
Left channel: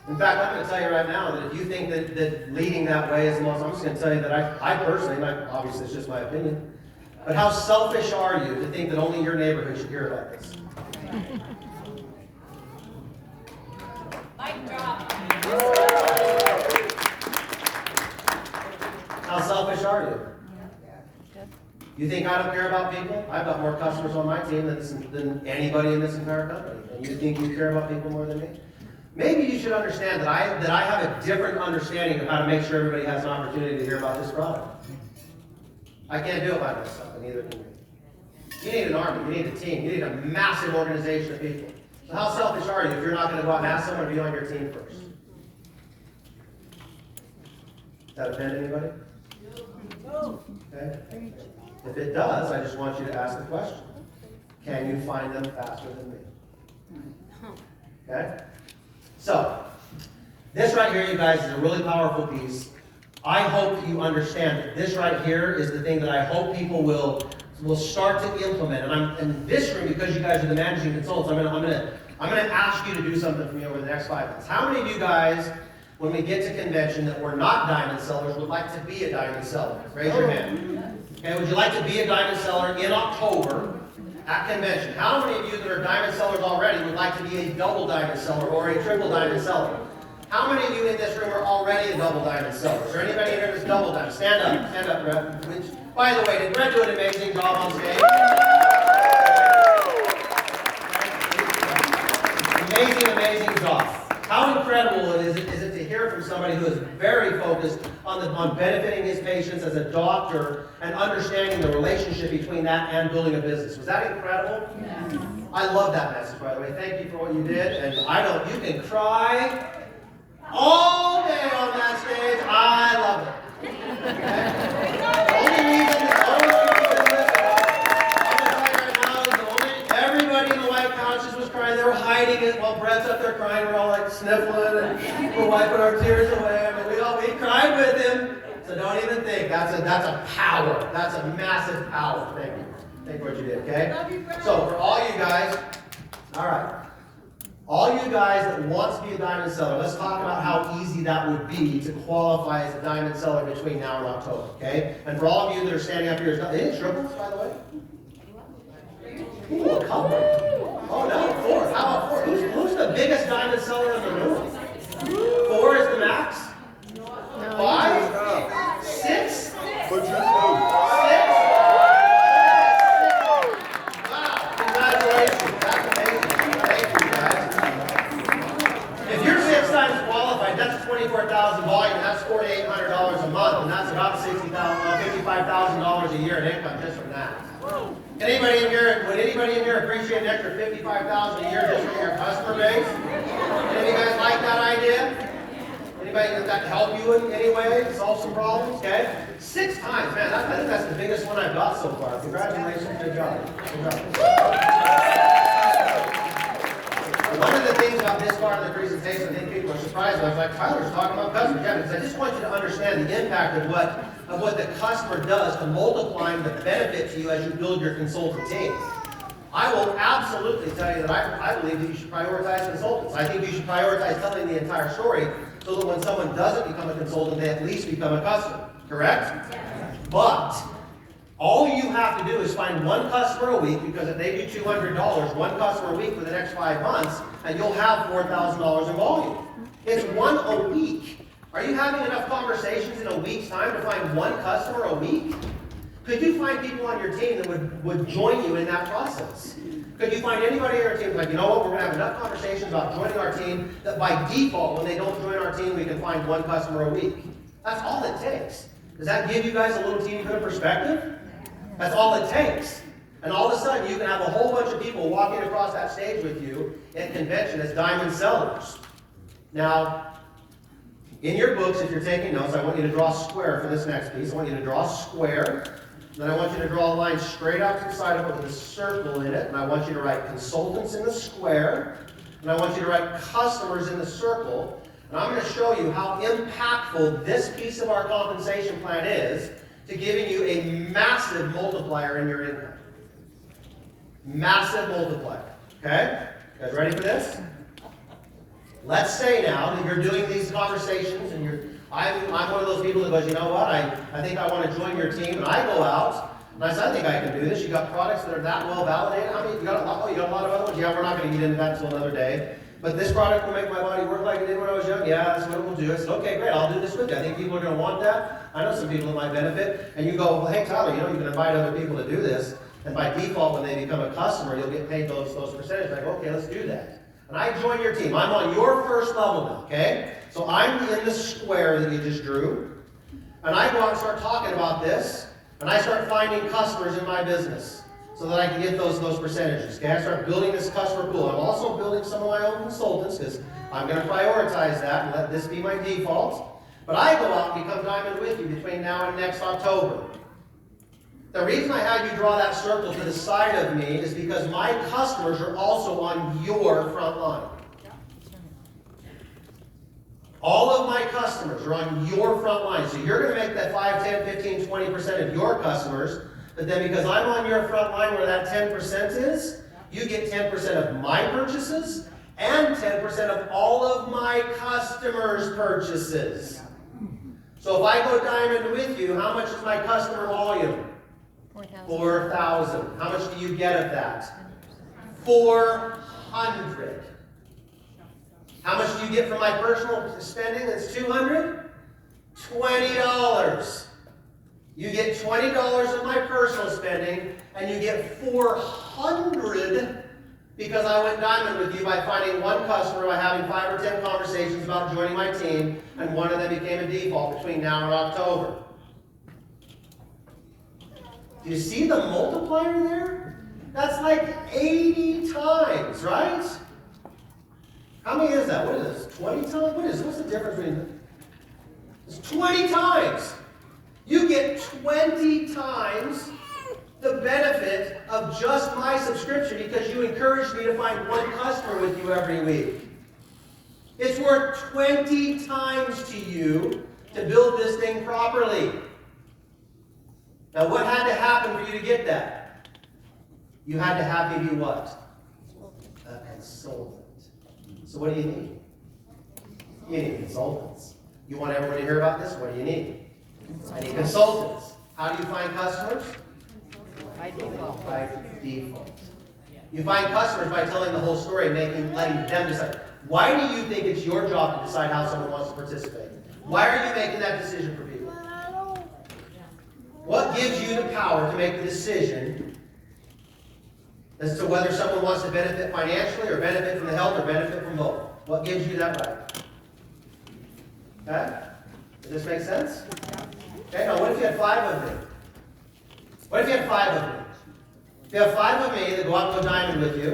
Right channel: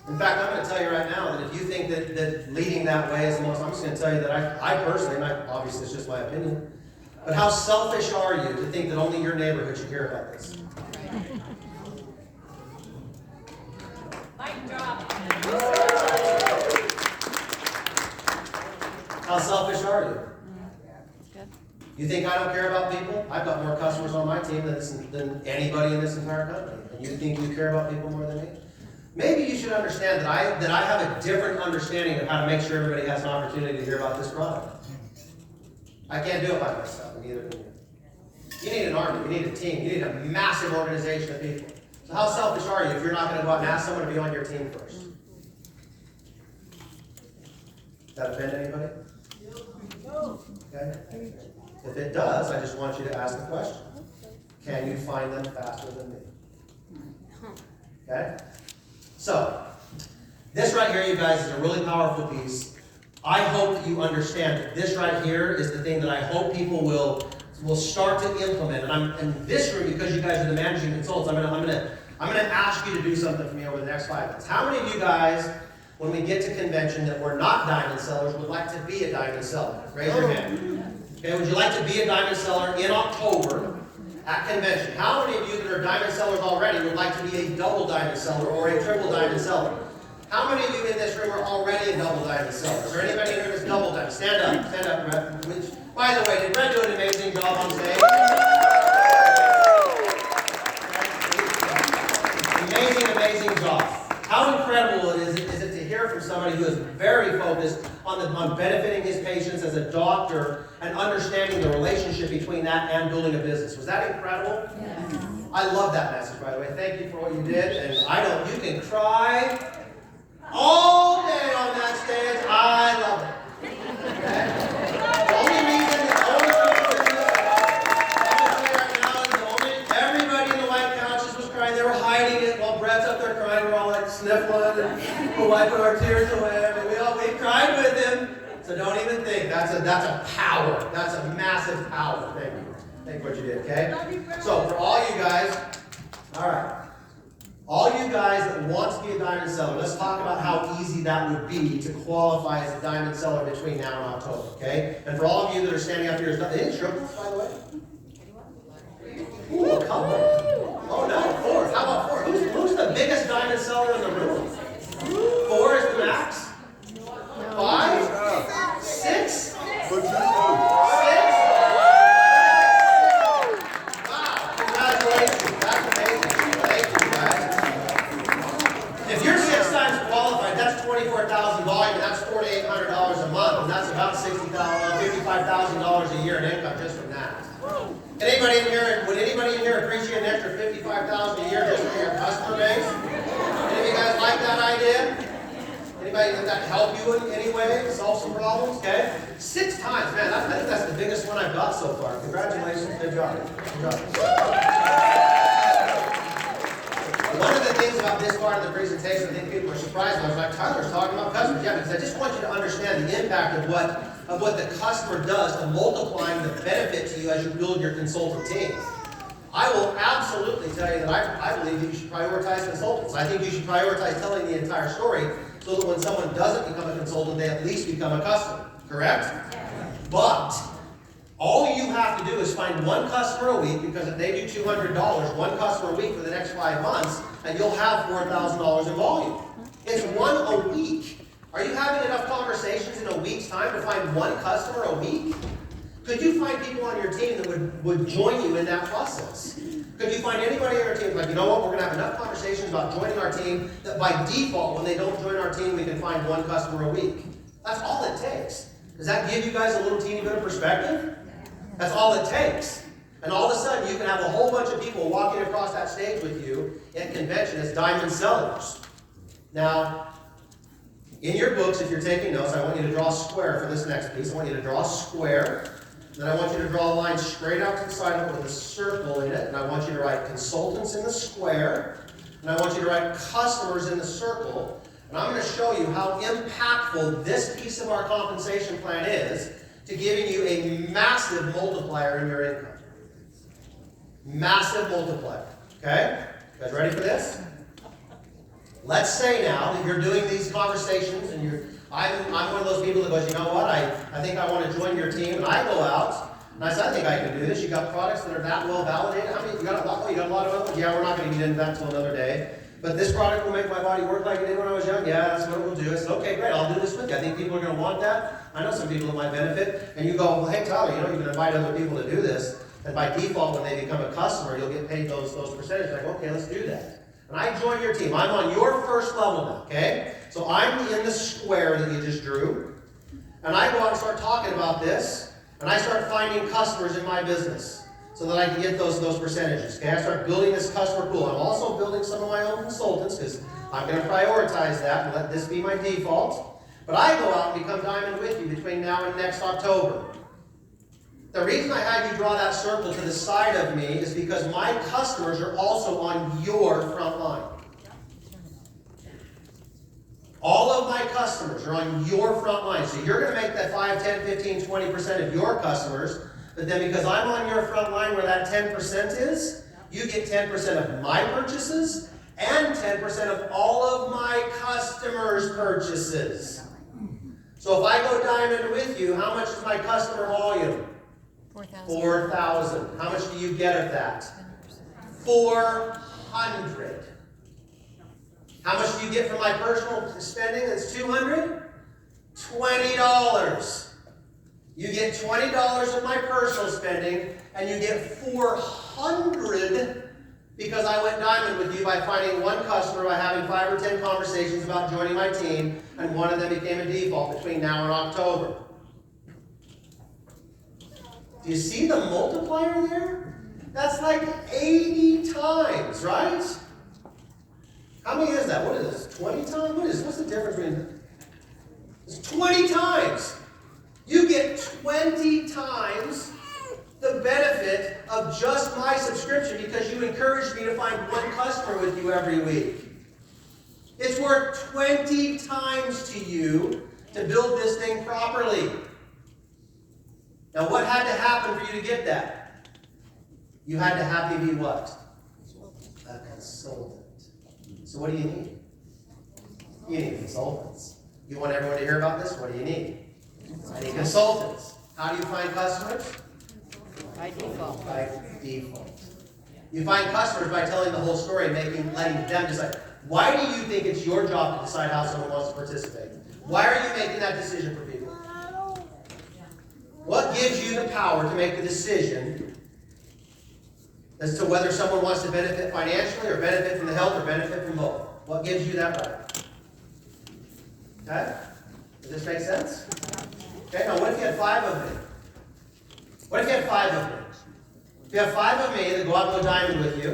In fact, I'm going to tell you right now that if you think that leading that way is the most, I'm just going to tell you that I personally, and obviously it's just my opinion, but how selfish are you to think that only your neighborhood should hear about this? Mic drop. How selfish are you? You think I don't care about people? I've got more customers on my team than anybody in this entire company. And you think you care about people more than me? Maybe you should understand that I have a different understanding of how to make sure everybody has an opportunity to hear about this product. I can't do it by myself, and neither can you. You need an army, you need a team, you need a massive organization of people. So how selfish are you if you're not going to go out and ask someone to be on your team first? Does that offend anybody? Okay. If it does, I just want you to ask the question. Can you find them faster than me? Okay? So, this right here, you guys, is a really powerful piece. I hope that you understand that this right here is the thing that I hope people will start to implement. And I'm in this room, because you guys are the managing consultants, I'm gonna ask you to do something for me over the next 5 minutes. How many of you guys, when we get to convention that we're not diamond sellers, would like to be a diamond seller? Raise your hand. Okay, would you like to be a diamond seller in October at convention? How many of you that are diamond sellers already would like to be a double diamond seller or a triple diamond seller? How many of you in this room are already a double diamond seller? Is there anybody in here that's double diamond? Stand up, Brett. Which, by the way, did Brett do an amazing job on stage? Amazing job. How incredible is it to hear from somebody who is very focused on benefiting his patients as a doctor and understanding the relationship between that and building a business. Was that incredible? Yes. I love that message, by the way. Thank you for what you did. And you can cry all day on that stage. I love it. Okay? The only reason that all of you I'm going to tell you right now is everybody in the white couches was crying. They were hiding it while Brett's up there crying. We're all like sniffling and we're wiping our tears away. I mean, we cried with him. So don't even think. That's a power. That's a massive power. Thank you. Think what you did, okay? So for all you guys, all right. All you guys that want to be a diamond seller, let's talk about how easy that would be to qualify as a diamond seller between now and October, okay? And for all of you that are standing up here, any triplets, by the way? Ooh, a couple. Oh no, 4. How about 4? Who's the biggest diamond seller in the room? 4 is the max? 5? 6? Put your 6? Wow, congratulations. That's amazing. Thank you, guys. If you're 6 times qualified, that's 24,000 volume, and that's $4,800 a month, and that's about $55,000 a year in income just from that. Would anybody in here appreciate an extra $55,000 a year just from your customer base? Any of you guys like that idea? Anybody that help you in any way to solve some problems? Okay? 6 times, man. I think that's the biggest one I've got so far. Congratulations. Good job. Good job. One of the things about this part of the presentation, I think people are surprised about, is like Tyler's talking about customers. Yeah, because I just want you to understand the impact of what the customer does to multiplying the benefit to you as you build your consultant team. I will absolutely tell you that I believe that you should prioritize consultants. I think you should prioritize telling the entire story so that when someone doesn't become a consultant, they at least become a customer. Correct? But all you have to do is find one customer a week, because if they do $200, one customer a week for the next 5 months, and you'll have $4,000 in volume. It's 1 a week. Are you having enough conversations in a week's time to find one customer a week? Could you find people on your team that would join you in that process? Could you find anybody on your team like, you know what, we're going to have enough conversations about joining our team that by default, when they don't join our team, we can find one customer a week? That's all it takes. Does that give you guys a little teeny bit of perspective? That's all it takes. And all of a sudden, you can have a whole bunch of people walking across that stage with you at convention as diamond sellers. Now, in your books, if you're taking notes, I want you to draw a square for this next piece. I want you to draw a square. Then I want you to draw a line straight out to the side of it with a circle in it. And I want you to write consultants in the square. And I want you to write customers in the circle. And I'm going to show you how impactful this piece of our compensation plan is to giving you a massive multiplier in your income. Massive multiplier. Okay? You guys ready for this? Let's say now that you're doing these conversations and I'm one of those people that goes, you know what, I think I want to join your team, and I go out and I say, I think I can do this. You got products that are that well validated. I mean, you got a lot of other ones. Yeah, we're not going to get into that until another day. But this product will make my body work like it did when I was young. Yeah, that's what it will do. I said, okay, great, I'll do this with you. I think people are going to want that. I know some people that might benefit. And you go, well, hey, Tyler, you can invite other people to do this. And by default, when they become a customer, you'll get paid those percentages. Like, okay, let's do that. And I join your team. I'm on your first level now, okay? So I'm in the square that you just drew. And I go out and start talking about this. And I start finding customers in my business so that I can get those percentages. Okay, I start building this customer pool. I'm also building some of my own consultants because I'm going to prioritize that and let this be my default. But I go out and become diamond with you between now and next October. The reason I had you draw that circle to the side of me is because my customers are also on your front line. All of my customers are on your front line. So you're going to make that 5, 10, 15, 20% of your customers. But then because I'm on your front line where that 10% is, you get 10% of my purchases and 10% of all of my customers' purchases. So if I go diamond with you, how much is my customer volume? 4,000. How much do you get of that? 400. How much do you get from my personal spending? That's 200? $20. You get $20 of my personal spending, and you get 400 because I went diamond with you by finding one customer, by having 5 or 10 conversations about joining my team, and one of them became a default between now and October. Do you see the multiplier there? That's like 80 times, right? How many is that? What is this? 20 times? What's the difference between? It's 20 times. You get 20 times the benefit of just my subscription because you encouraged me to find one customer with you every week. It's worth 20 times to you to build this thing properly. Now, what had to happen for you to get that? You had to have me be what? A consultant. So what do you need? You need consultants. You want everyone to hear about this? What do you need? I need consultants. How do you find customers? By default. By default. You find customers by telling the whole story and letting them decide. Why do you think it's your job to decide how someone wants to participate? Why are you making that decision for people? What gives you the power to make the decision as to whether someone wants to benefit financially or benefit from the health or benefit from both? What gives you that right? Okay? Does this make sense? Okay, now what if you had 5 of me? What if you had 5 of me? If you have 5 of me that go out and go diamond with you,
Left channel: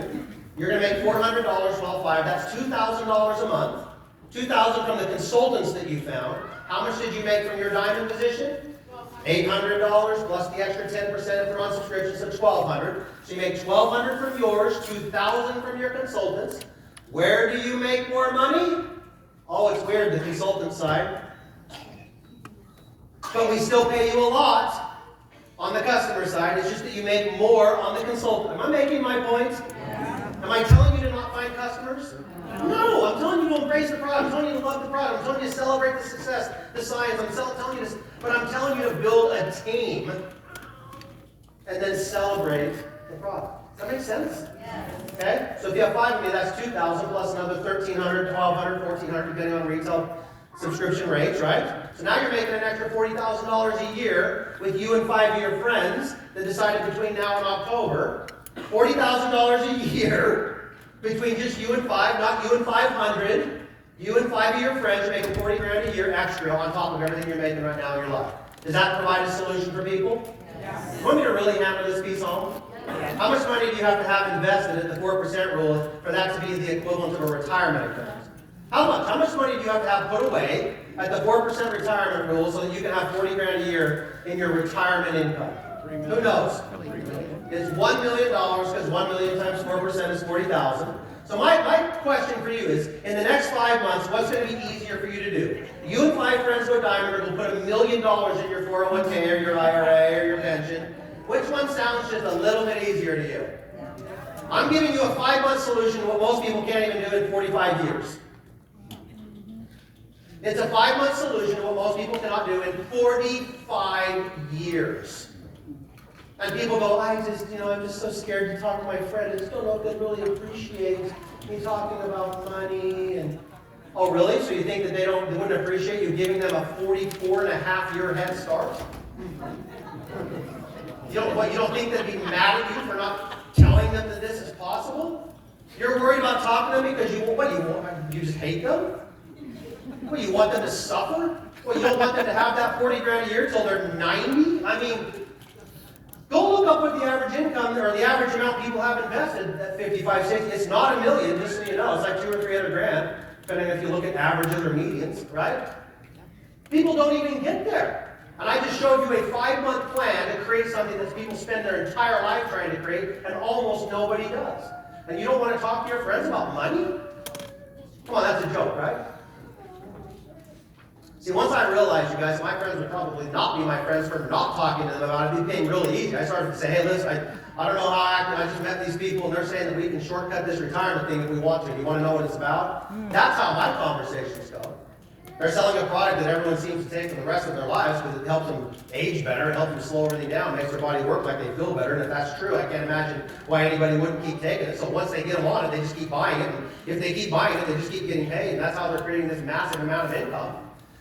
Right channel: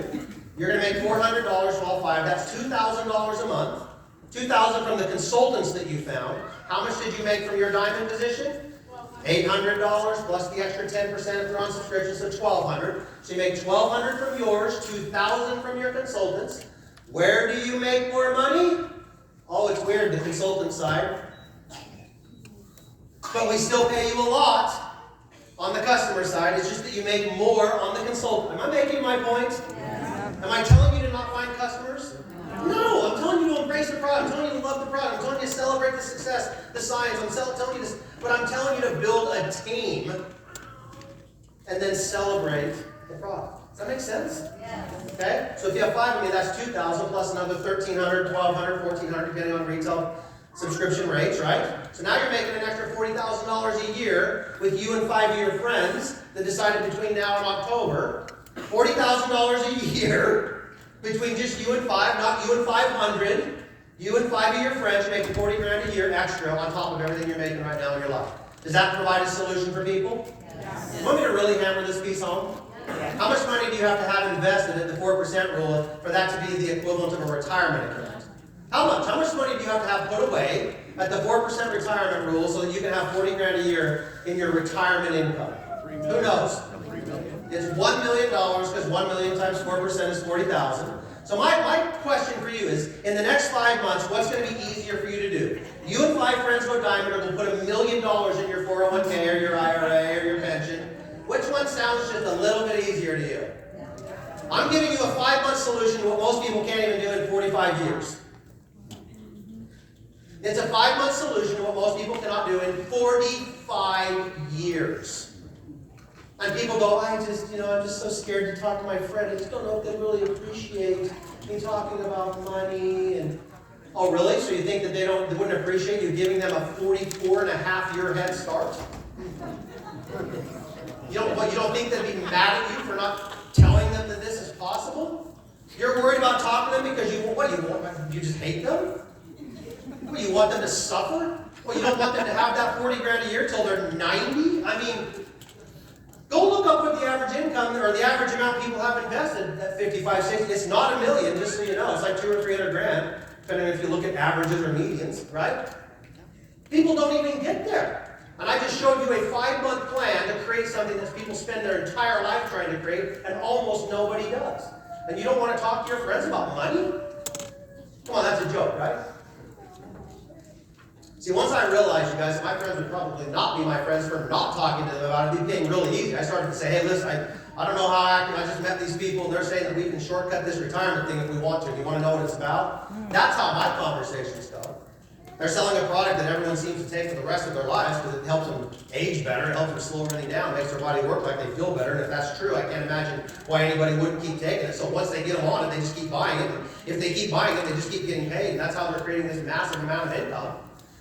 you're going to make $400 for all 5. That's $2,000 a month. $2,000 from the consultants that you found. How much did you make from your diamond position? $800 plus the extra 10% if they're on subscription, so $1,200. So you make $1,200 from yours, $2,000 from your consultants. Where do you make more money? Oh, it's weird, the consultant side. But we still pay you a lot on the customer side. It's just that you make more on the consultant. Am I making my point? Am I telling you to not find customers? No, I'm telling you to embrace the product. I'm telling you to love the product. I'm telling you to celebrate the success, the science. Telling you to, but I'm telling you to build a team and then celebrate the product. Does that make sense? Yes. Okay? So if you have 5 of me, that's $2,000 plus another $1,300, $1,200, $1,400, depending on retail subscription rates, right? So now you're making an extra $40,000 a year with you and 5 of your friends that decided between now and October. $40,000 a year between just you and 5, not you and 500. You and 5 of your friends are making $40,000 a year extra on top of everything you're making right now in your life. Does that provide a solution for people? Yes. You want me to really hammer this piece home? Yes. How much money do you have to have invested at the 4% rule for that to be the equivalent of a retirement account? How much? How much money do you have to have put away at the 4% retirement rule so that you can have $40,000 a year in your retirement income? Who knows? It's $1 million because 1 million times 4% is 40,000. So my question for you is, in the next 5 months, what's going to be easier for you to do? You and 5 friends go diamond and will put $1 million in your 401k or your IRA or your pension. Which one sounds just a little bit easier to you? I'm giving you a 5-month solution to what most people can't even do in 45 years. It's a 5-month solution to what most people cannot do in 45 years. And people go, I'm just so scared to talk to my friend. I just don't know if they really appreciate me talking about money. And oh, really? So you think that they wouldn't appreciate you giving them a 44.5-year head start? You don't think they'd be mad at you for not telling them that this is possible? You're worried about talking to them because you just hate them? What, you want them to suffer? Well, you don't want them to have that $40,000 a year till they're 90? I mean, go look up what the average income or the average amount people have invested at 55, 60. It's not $1 million, just so you know. It's like $200,000 or $300,000, depending if you look at averages or medians, right? People don't even get there. And I just showed you a 5-month plan to create something that people spend their entire life trying to create, and almost nobody does. And you don't want to talk to your friends about money? Come on, that's a joke, right? See, once I realized, you guys, my friends would probably not be my friends for not talking to them about it being really easy. I started to say, hey, listen, I don't know how I just met these people, and they're saying that we can shortcut this retirement thing if we want to. Do you want to know what it's about? That's how my conversations go. They're selling a product that everyone seems to take for the rest of their lives because it helps them age better, it helps them slow everything down, makes their body work like they feel better. And if that's true, I can't imagine why anybody wouldn't keep taking it. So once they get them on it, they just keep buying it. And if they keep buying it, they just keep getting paid. And that's how they're creating this massive amount of income.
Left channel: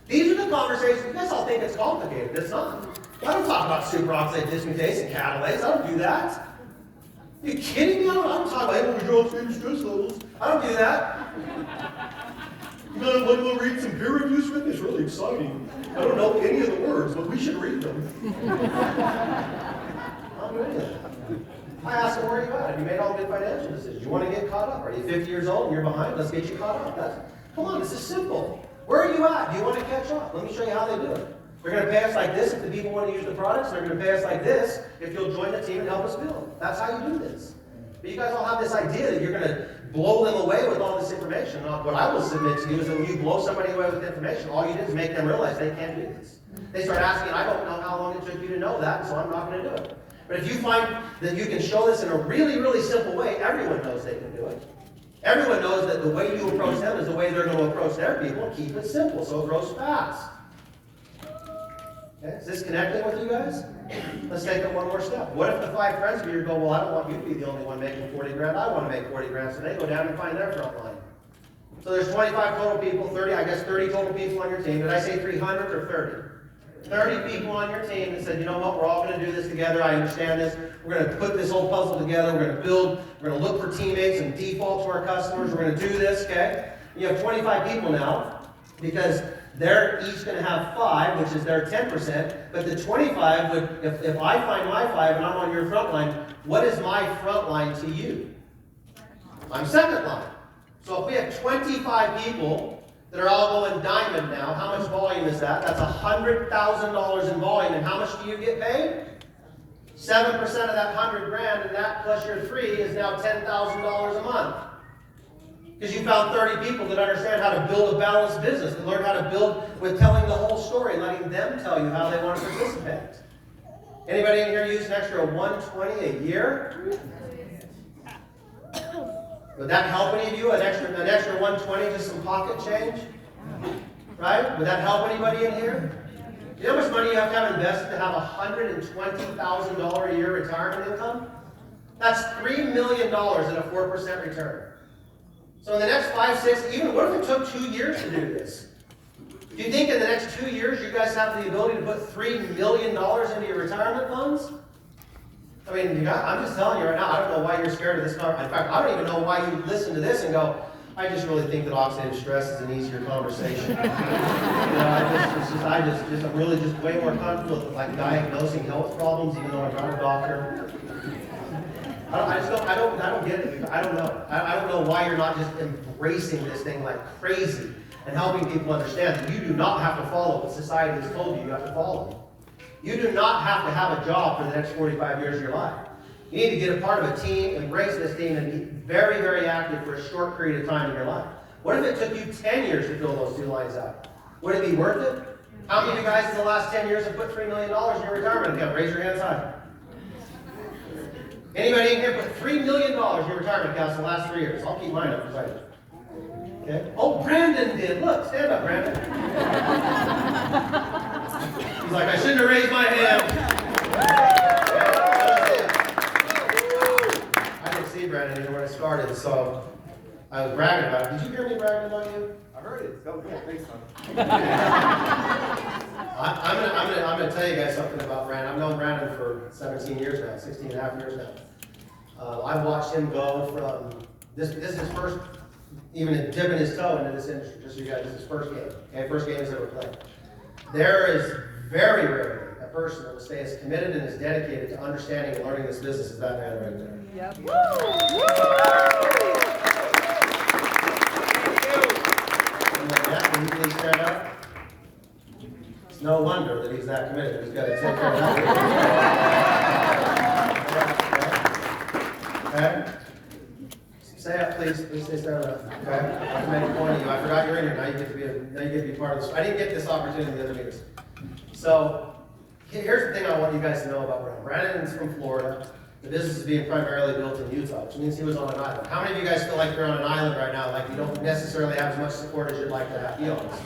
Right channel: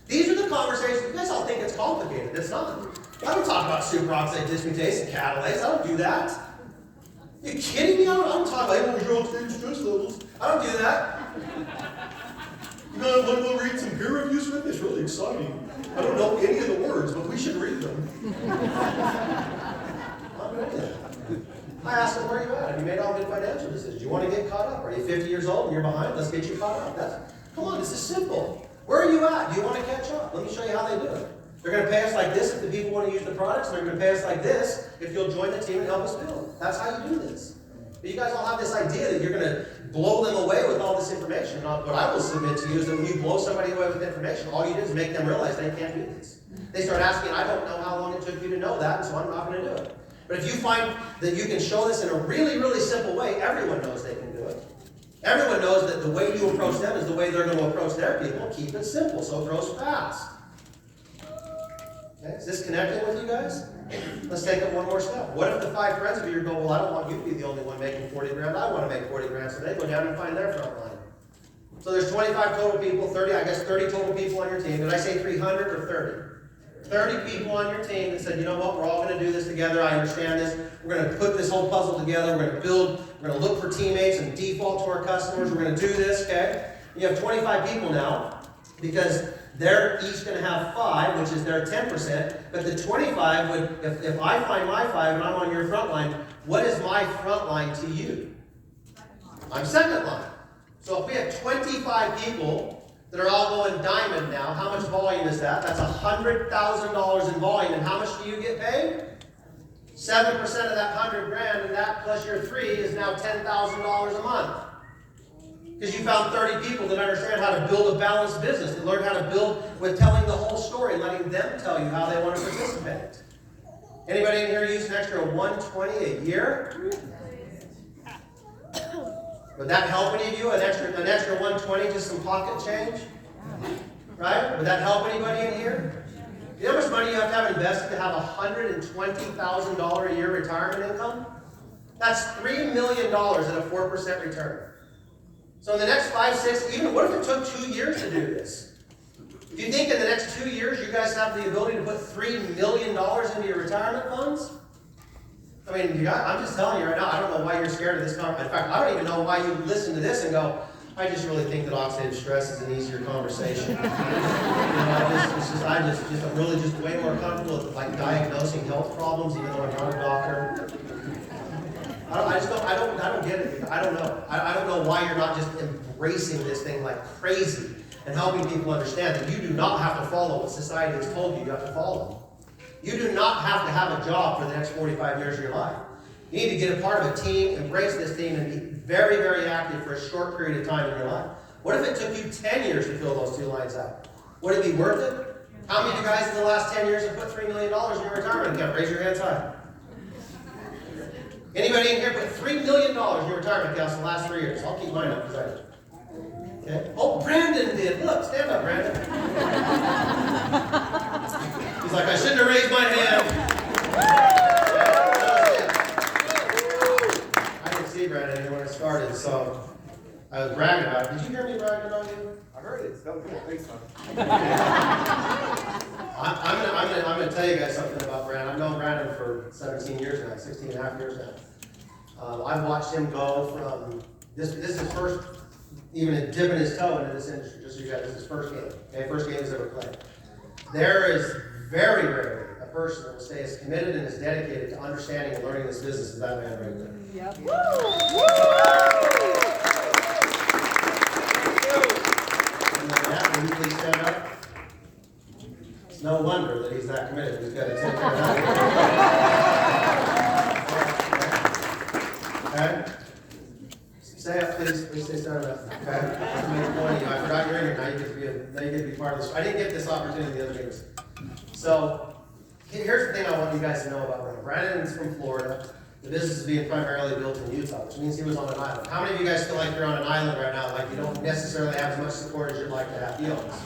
These are the conversations. You guys all think it's complicated. It's not. I don't talk about superoxide dismutase and catalase. I don't do that. Are you kidding me? I don't talk about stress levels. I don't do that. You know, we'll read some peer reviews with this. It's really exciting. I don't know any of the words, but we should read them. I'm doing that. I asked them, where are you at? Have you made all good financial decisions? You want to get caught up? Are you 50 years old and you're behind? Let's get you caught up. Come on, this is simple. Where are you at? Do you want to catch up? Let me show you how they do it. They're going to pay us like this if the people want to use the products. They're going to pay us like this if you'll join the team and help us build. That's how you do this. But you guys all have this idea that you're going to blow them away with all this information. What I will submit to you is that when you blow somebody away with information, all you do is make them realize they can't do this. They start asking, I don't know how long it took you to know that, so I'm not going to do it. But if you find that you can show this in a really, really simple way, everyone knows they can do it. Everyone knows that the way you approach them is the way they're going to approach their people. Keep it simple so it grows fast. Okay, is this connecting with you guys? Let's take it one more step. What if the 5 friends of yours go, well, I don't want you to be the only one making 40 grand. I want to make 40 grand. So they go down and find their front line. So there's 25 total people, 30 total people on your team. Did I say 300 or 30? 30 people on your team that said, you know what, we're all going to do this together. I understand this. We're going to put this whole puzzle together. We're going to build, we're going to look for teammates and default to our customers. We're going to do this, okay? You have 25 people now because they're each going to have 5, which is their 10%. But the 25 would, if I find my 5 and I'm on your front line, what is my front line to you? I'm second line. So if we have 25 people that are all going diamond now, how much volume is that? That's $100,000 in volume. And how much do you get paid? 7% of that 100 grand, and that plus your 3 is now $10,000 a month. Because you found 30 people that understand how to build a balanced business and learn how to build with telling the whole story, letting them tell you how they want to participate. Anybody in here use an extra 120 a year? Would that help any of you? An extra 120, just some pocket change? Right? Would that help anybody in here? Do you know how much money you have to have invested to have $120,000 a year retirement income? That's $3 million at a 4% return. So in the next 5, 6, even what if it took 2 years to do this? Do you think in the next 2 years you guys have the ability to put $3 million into your retirement funds? I mean, I'm just telling you right now, I don't know why you're scared of this conversation. In fact, I don't even know why you listen to this and go, I just really think that oxidative stress is an easier conversation. I'm really just way more comfortable with like diagnosing health problems, even though I'm not a doctor. I don't get it. I don't know. I don't know why you're not just embracing this thing like crazy and helping people understand that you do not have to follow what society has told you have to follow. You do not have to have a job for the next 45 years of your life. You need to get a part of a team, embrace this team, and be very, very active for a short period of time in your life. What if it took you 10 years to fill those 2 lines out? Would it be worth it? How many of you guys in the last 10 years have put $3 million in your retirement account? Raise your hands high. Anybody in here put $3 million in your retirement accounts in the last 3 years? I'll keep mine up because I did. Okay. Oh, Brandon did. Look, stand up, Brandon. He's like, I shouldn't have raised my hand. I didn't see Brandon even when it started, so I was bragging about it. Did you hear me bragging about you? I heard it. That was good. Thanks, Tom. I'm gonna tell you guys something about Brandon. I've known Brandon for 17 years now, 16 and a half years now. I've watched him go from this is his first, even dipping his toe into this industry. Just so you guys, this is his first game. Okay, first game he's ever played. There is very rarely a person that will stay as committed and as dedicated to understanding and learning this business as that man right there. Yep. Can you please stand up? It's no wonder that he's that committed. He's got to take care of that. Okay? Stay up, please. Please stay stand up. Okay? That's a main point of you. I forgot you're in here. Now you get to be part of this. I didn't get this opportunity in the other meetings. So here's the thing I want you guys to know about Brandon. Brandon's from Florida. The business is being primarily built in Utah, which means he was on an island. How many of you guys feel like you're on an island right now, like you don't necessarily have as much support as you'd like to have? Be honest.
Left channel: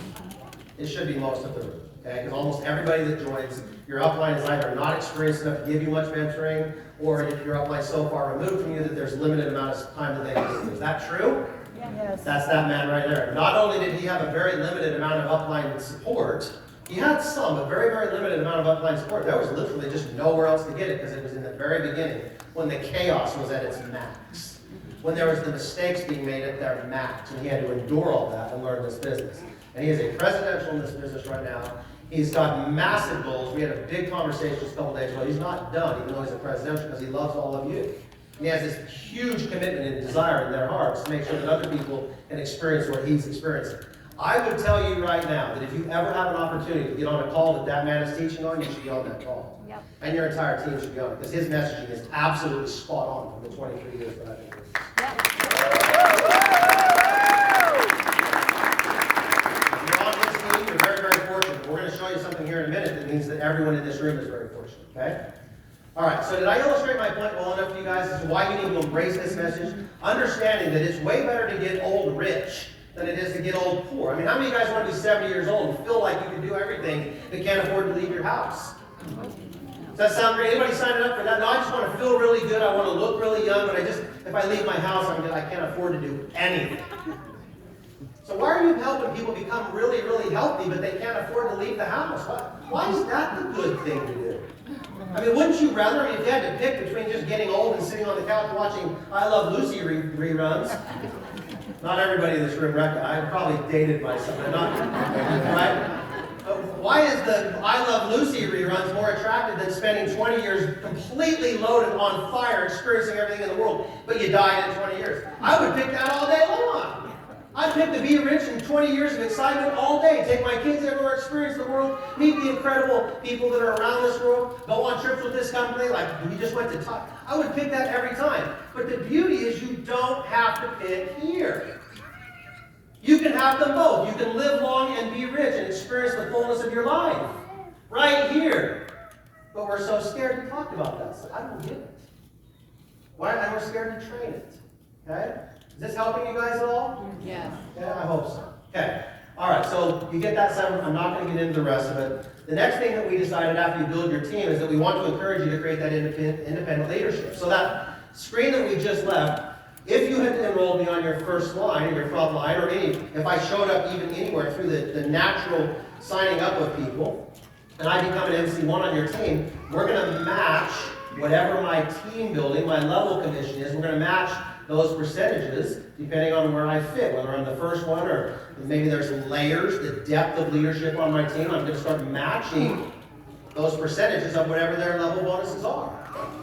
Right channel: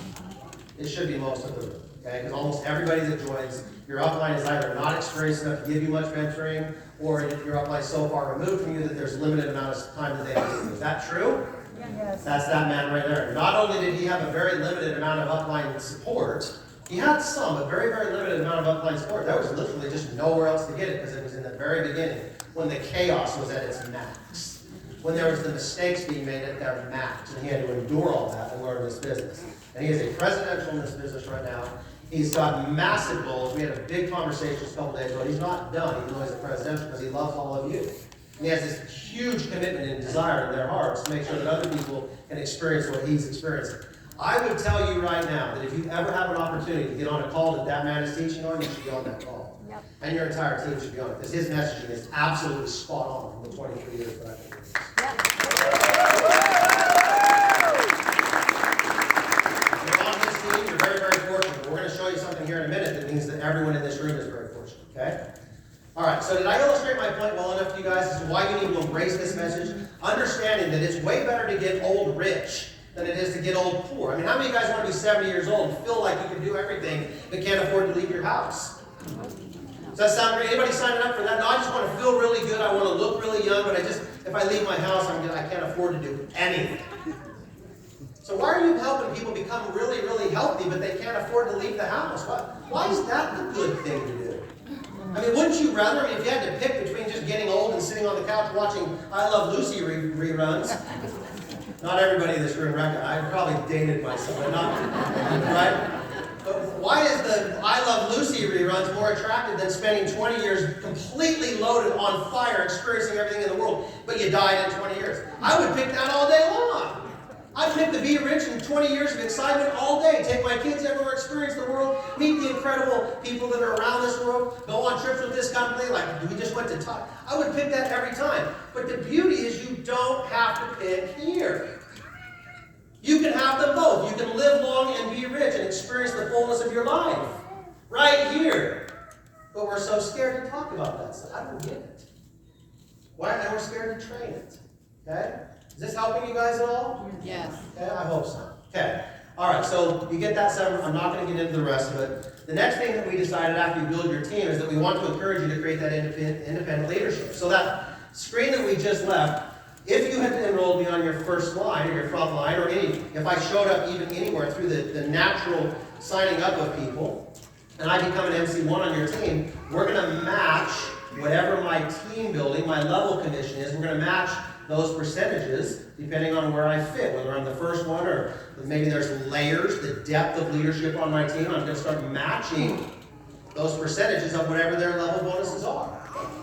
It should be most of the room, okay? Because almost everybody that joins, your upline is either not experienced enough to give you much mentoring, or if your upline is so far removed from you that there's a limited amount of time that they can give you. Is that true? Yes. That's that man right there. Not only did he have a very limited amount of upline support, he had some, a very, very limited amount of upline support. There was literally just nowhere else to get it because it was in the very beginning when the chaos was at its max. When there was the mistakes being made at their max, and he had to endure all that and learn this business. And he is a presidential in this business right now. He's got massive goals. We had a big conversation a couple days ago. He's not done, even though he's a presidential, because he loves all of you. And he has this huge commitment and desire in their hearts to make sure that other people can experience what he's experiencing. I would tell you right now that if you ever have an opportunity to get on a call that man is teaching on, you should be on that call. Yep. And your entire team should be on it, because his messaging is absolutely spot on from the 23 years that I've been doing this. Yep. If you're on this team, you're very, very fortunate. We're going to show you something here in a minute that means that everyone in this room is very fortunate, okay? All right, so did I illustrate my point well enough to you guys as to why you need to embrace this message? Understanding that it's way better to get old rich than it is to get old poor. I mean, how many of you guys want to be 70 years old and feel like you can do everything but can't afford to leave your house? Does that sound great? Anybody signing up for that? No, I just want to feel really good. I want to look really young, but if I leave my house, I can't afford to do anything. So why are you helping people become really, really healthy, but they can't afford to leave the house? Why is that the good thing to do? I mean, wouldn't you rather, if you had to pick between just getting old and sitting on the couch watching I Love Lucy reruns? Not everybody in this room reckon. I probably dated myself, but not, right? But why is the I Love Lucy reruns more attractive than spending 20 years completely loaded on fire, experiencing everything in the world, but you died in 20 years? I would pick that all day long. I'd pick to be rich in 20 years of excitement all day, take my kids everywhere, experience the world, meet the incredible people that are around this world, go on trips with this company, like we just went to talk. I would pick that every time. But the beauty is you don't have to pick here. You can have them both. You can live long and be rich and experience the fullness of your life right here. But we're so scared to talk about that stuff. I don't get it. Why am I more scared to train it? Okay? Is this helping you guys at all? Yes. Okay, I hope so. Okay. All right, so you get that seven. I'm not going to get into the rest of it. The next thing that we decided after you build your team is that we want to encourage you to create that independent leadership. So that screen that we just left, if you had enrolled me on your first line or your front line, or if I showed up even anywhere through the natural signing up of people, and I become an MC1 on your team, we're going to match whatever my team building, my level commission is. We're going to match those percentages depending on where I fit, whether I'm the first one or maybe there's layers, the depth of leadership on my team. I'm going to start matching those percentages of whatever their level bonuses are.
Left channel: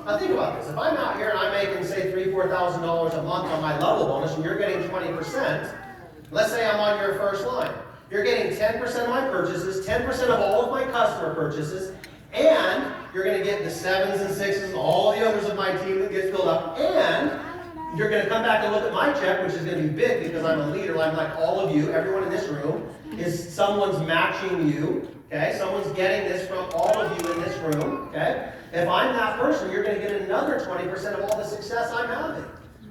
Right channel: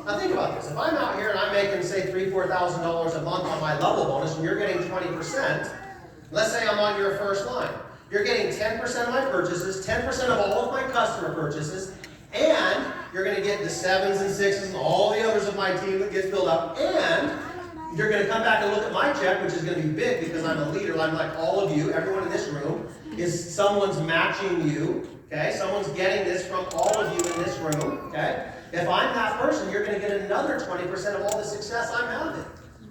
Now think about this. If I'm out here and I'm making, say, $3,000, $4,000 a month on my level bonus and you're getting 20%, let's say I'm on your first line. You're getting 10% of my purchases, 10% of all of my customer purchases, and you're going to get the 7s and 6s and all the others of my team that gets filled up, and you're going to come back and look at my check, which is going to be big because I'm a leader. I'm like all of you. Everyone in this room is someone's matching you. Okay? Someone's getting this from all of you in this room. Okay? If I'm that person, you're going to get another 20% of all the success I'm having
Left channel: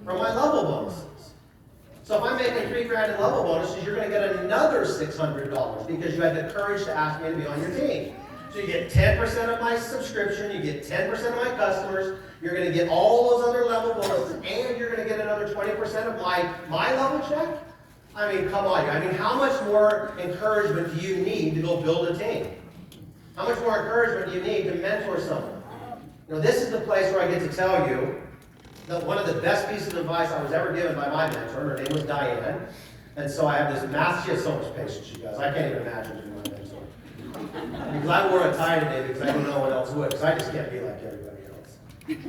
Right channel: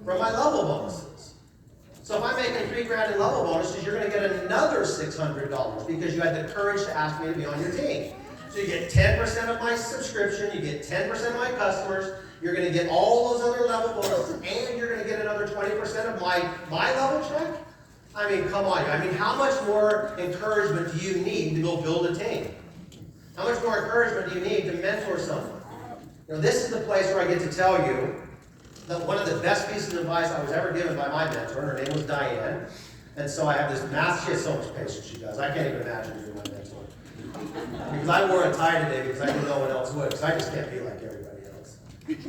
from my level bonuses. So if I'm making $3,000 in level bonuses, you're going to get another $600 because you had the courage to ask me to be on your team. So you get 10% of my subscription, you get 10% of my customers, you're going to get all those other level bonuses, and you're going to get another 20% of my level check? I mean, come on. I mean, how much more encouragement do you need to go build a team? How much more encouragement do you need to mentor someone? You know, this is the place where I get to tell you that one of the best pieces of advice I was ever given by my mentor, her name was Diane, and so I have this massive, she has so much patience, you guys. I can't even imagine being my mentor. Because I wore a tie today because I didn't know what else would, because I just can't be like everybody else.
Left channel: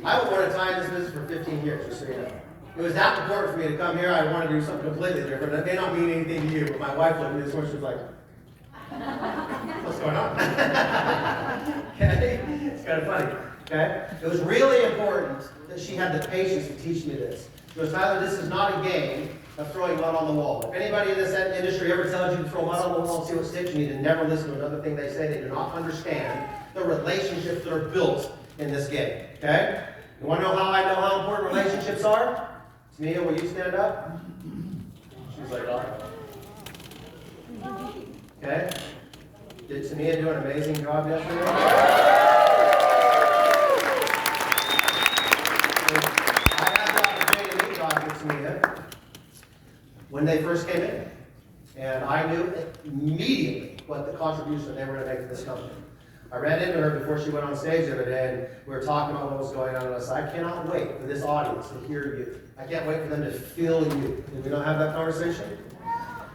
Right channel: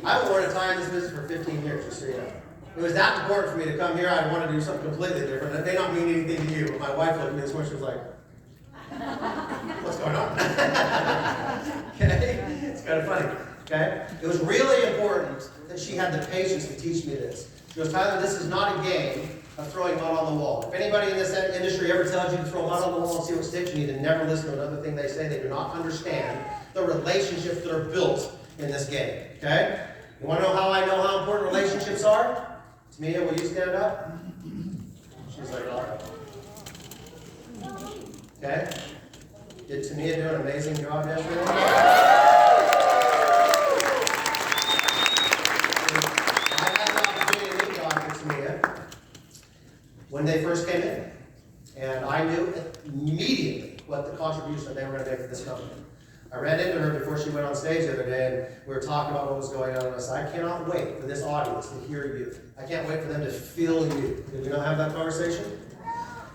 I wore a tie in this business for 15 years, just so you know. It was that important for me to come here. I wanted to do something completely different. It may not mean anything to you, but my wife looked at me this morning, she was like, what's going on? Okay? It's kind of funny. Okay? It was really important that she had the patience to teach me this. She goes, Tyler, this is not a game of throwing mud on the wall. If anybody in this industry ever tells you to throw mud on the wall and see what sticks, you need to never listen to another thing they say. They do not understand the relationships that are built in this game. Okay? You want to know how important relationships are? Tamia, will you stand up? She's like, all right. Okay? Did Tamia do an amazing job yesterday? I had the opportunity to meet Dr. Tamia when they first came in. And I knew immediately what the contribution they were going to make to this company. I ran into her before she went on stage the other day, and we were talking about what was going on, and I said, I cannot wait for this audience to hear you. I can't wait for them to feel you. Did we not have that conversation?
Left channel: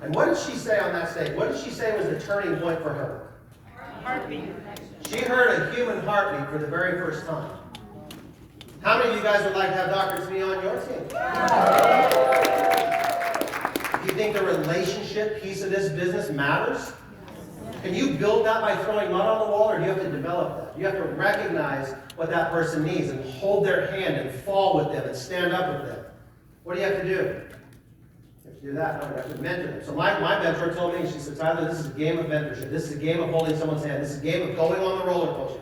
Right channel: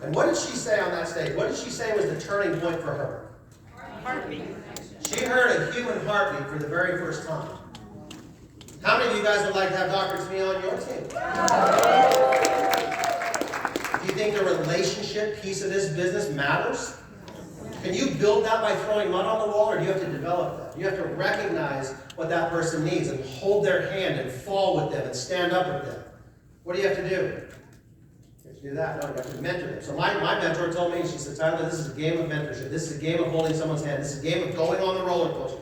And what did she say on that stage? What did she say was the turning point for her? Heartbeat. She heard a human heartbeat for the very first time. How many of you guys would like to have Dr. Tamia on your team? Do you think the relationship piece of this business matters? Can you build that by throwing mud on the wall, or do you have to develop that? You have to recognize what that person needs and hold their hand and fall with them and stand up with them. What do you have to do? You have to do that. No, you have to mentor them. So my mentor told me, she said, Tyler, this is a game of mentorship. This is a game of holding someone's hand. This is a game of going on the roller coaster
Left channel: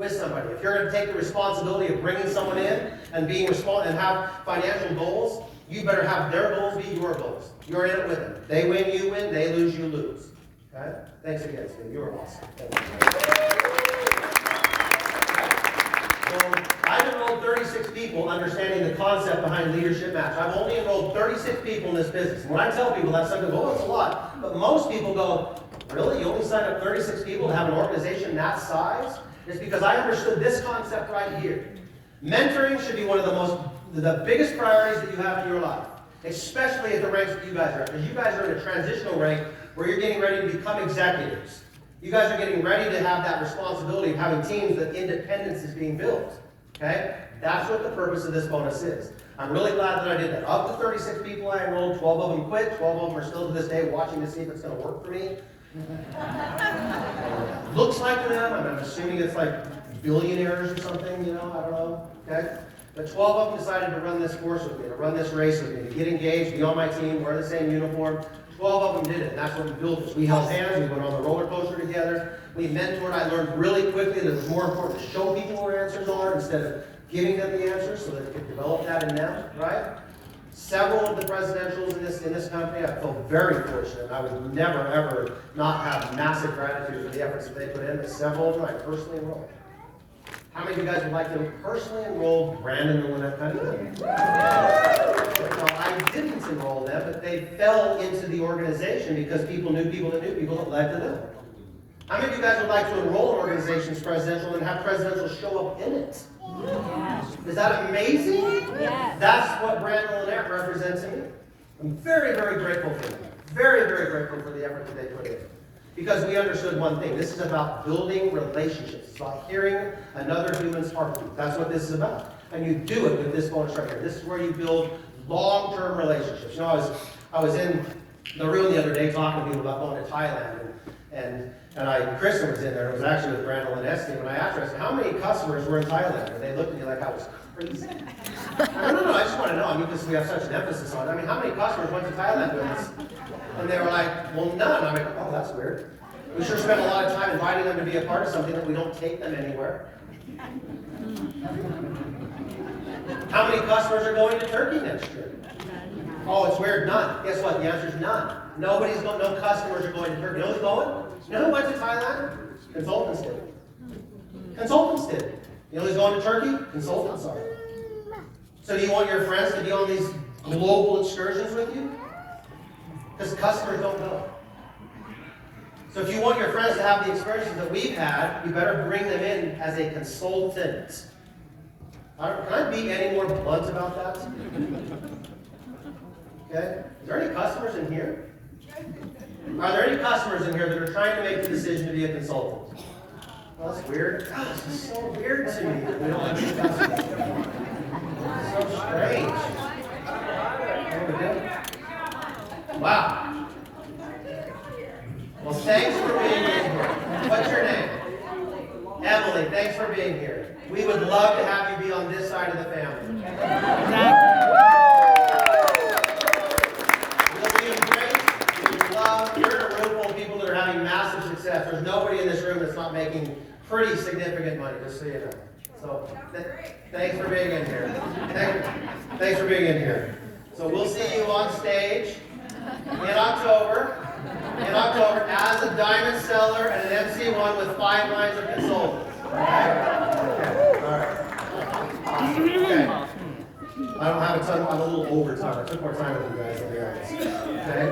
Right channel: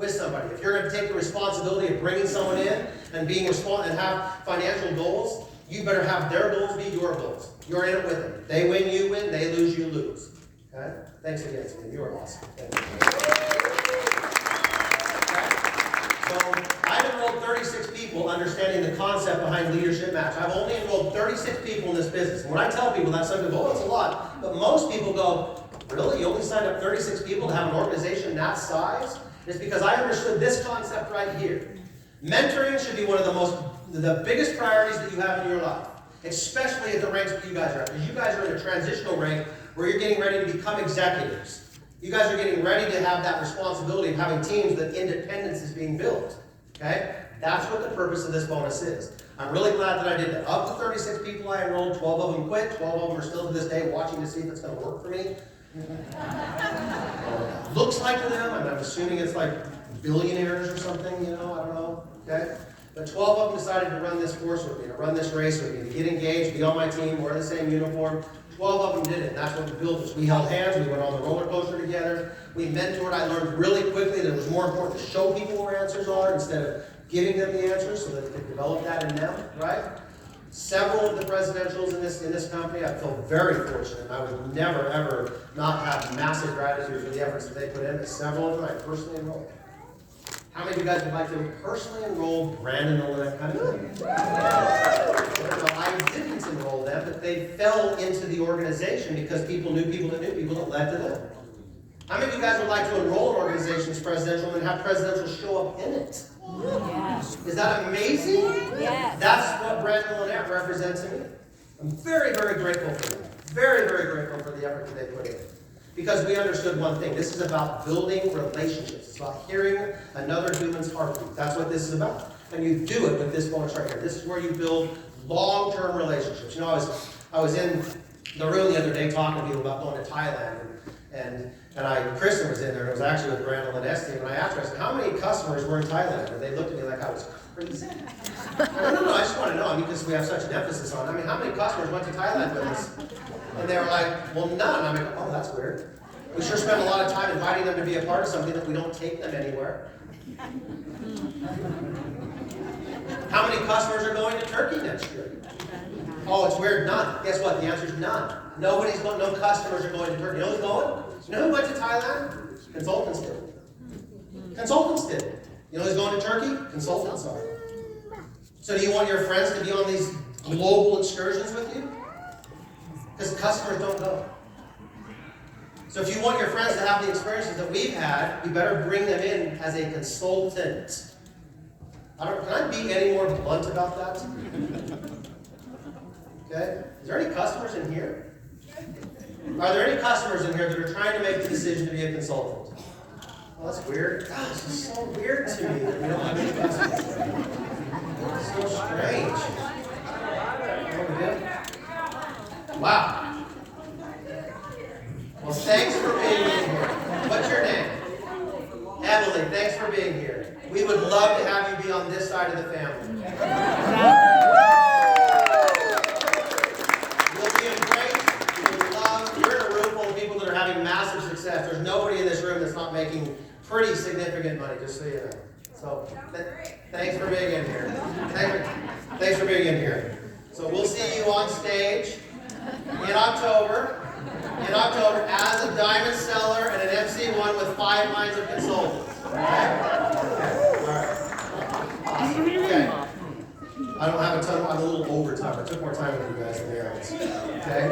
with somebody. If you're going to take the responsibility of bringing someone in and being and have financial goals, you better have their goals be your goals. You're in it with them. They win, you win. They lose, you lose. Okay? Thanks again, Steve. You were awesome. So I've enrolled 36 people understanding the concept behind Leadership Match. I've only enrolled 36 people in this business. When I tell people that, some people go, oh, it's a lot. But most people go, really? You only signed up 36 people to have an organization that size? It's because I understood this concept right here. Mentoring should be one of the biggest priorities that you have in your life, especially at the ranks that you guys are at. Because you guys are in a transitional rank where you're getting ready to become executives. You guys are getting ready to have that responsibility of having teams that independence is being built. Okay? That's what the purpose of this bonus is. I'm really glad that I did that. Of the 36 people I enrolled, 12 of them quit, 12 of them are still to this day watching to see if it's going to work for me. Looks like them. I'm assuming it's like billionaires or something, you know, I don't know. Okay? But 12 of them decided to run this course with me, to run this race with me, to get engaged, be on my team, wear the same uniform. 12 of them did it, and that's what we built this. We held hands, we went on the roller coaster together, we mentored. I learned really quickly that it was more important to show people where answers are instead of giving them the answers so that they could develop that in them, right? Several of the presidentials in this company, I feel very fortunate. I would never, ever not have massive gratitude for the efforts that they put in, but several of them I personally enrolled. How many of you guys would like to personally enroll Brandon and Lynette Cunningham? No, I didn't enroll them, but they fell into the organization because people knew people that knew people that led to them. How many of you guys would like to enroll an organization's presidential and have presidential show up in it? Yes. Is that amazing? Yes. That's what Brandon and Lynette represent to me. I'm very, very grateful for them. Very, very grateful for the effort that they put in. Because we understood one thing. This is about building relationships. It's about hearing another human's heartbeat. That's what this is about. And you do it with this bonus right here. This is where you build long-term relationships. You know, I was in the room the other day talking to people about going to Thailand. And Kristen was in there. It was actually with Brandon and Esty. And I asked her, I said, how many customers were in Thailand? And they looked at me like I was crazy. No, I just want to know. I mean, because we have such an emphasis on it. I mean, how many customers went to Thailand with us? And they were like, well, none. I'm like, oh, that's weird. We sure spend a lot of time inviting them to be a part of something that we don't take them anywhere. How many customers are going to Turkey next year? Oh, it's weird, none. Guess what? The answer is none. No customers are going to Turkey. You know who's going? You know who went to Thailand? Consultants did. Consultants did. You know who's going to Turkey? Consultants are. So do you want your friends to be on these global excursions with you? Because customers don't go. So if you want your friends to have the experiences that we've had, you better bring them in as a consultant. Can I be any more blunt about that? Okay? Is there any customers in here? Are there any customers in here that are trying to make the decision to be a consultant? Well, that's weird. God, this is so weird to me. You don't have any customers. It's so strange. Wow. Well, thanks for being here. What's your name? Emily, thanks for being here. We would love to have you be on this side of the family. You'll be embraced, you'll be loved. You're in a room full of people that are having massive success. There's nobody in this room that's not making pretty significant money, just so you know. So, thanks for being in here. Thanks for being in here. So we'll see you on stage in October. As a diamond seller and an MC1 with 5 lines of consultants. Okay? All right. Awesome. Okay. I don't have a ton, I'm a little over time. I took more time with you guys than the others. Okay?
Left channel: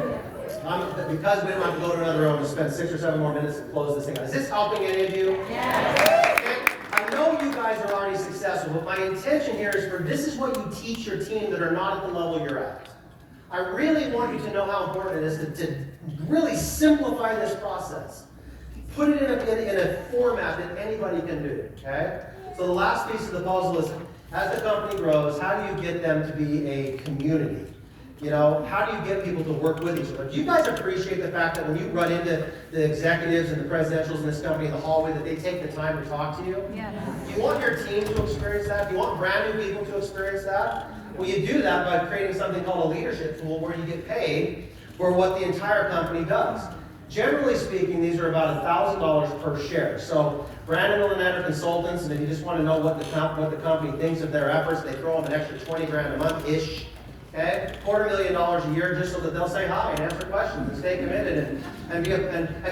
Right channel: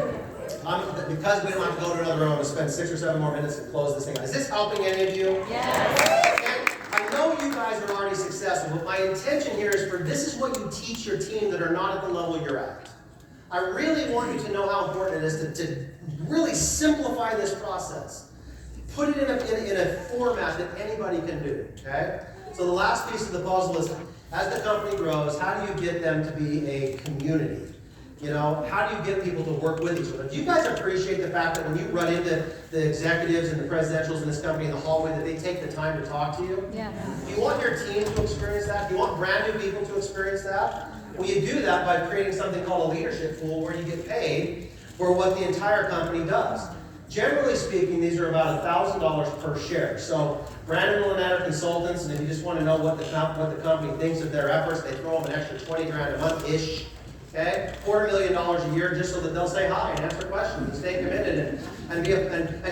Because we don't have to go to another room, I'm going to spend 6 or 7 more minutes to close this thing out. Is this helping any of you? Yes. Okay? I know you guys are already successful, but my intention here is this is what you teach your team that are not at the level you're at. I really want you to know how important it is to really simplify this process. Put it in a format that anybody can do, okay? So the last piece of the puzzle is, as the company grows, how do you get them to be a community? You know, how do you get people to work with each other? Do you guys appreciate the fact that when you run into the executives and the presidentials in this company in the hallway, that they take the time to talk to you? Yeah. Do you want your team to experience that? Do you want brand new people to experience that? Well, you do that by creating something called a leadership tool where you get paid for what the entire company does. Generally speaking, these are about $1,000 per share. So Brandon and Lynette are consultants, and if you just want to know what the company thinks of their efforts, they throw them an extra 20 grand a month-ish. Okay? $250,000 a year just so that they'll say hi and answer questions and stay committed and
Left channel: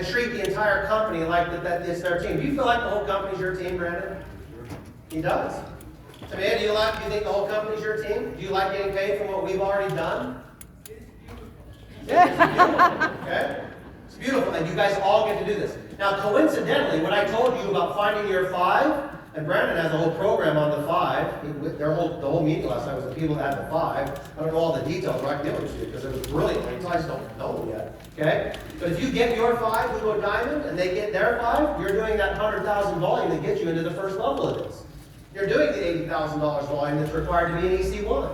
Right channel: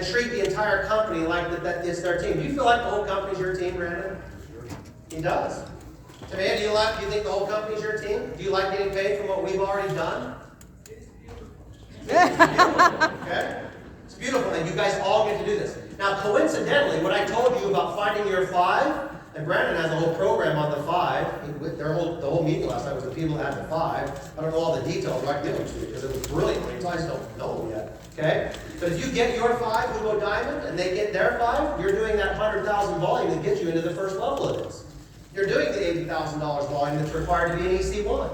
treat the entire company like that it's their team. Do you feel like the whole company's your team, Brandon? He does. So man, do you think the whole company's your team? Do you like getting paid for what we've already done? Yeah, it's beautiful. Okay? It's beautiful, and you guys all get to do this. Now, coincidentally, when I told you about finding your five, and Brandon has a whole program on the five, the whole meeting last night was the people that had the five. I don't know all the details, right? Give them to you, because it was brilliant. You guys don't know them yet, okay? But if you get your five, we go diamond, and they get their five, you're doing that 100,000 volume that gets you into the first level of this. You're doing the $80,000 volume that's required to be an EC1.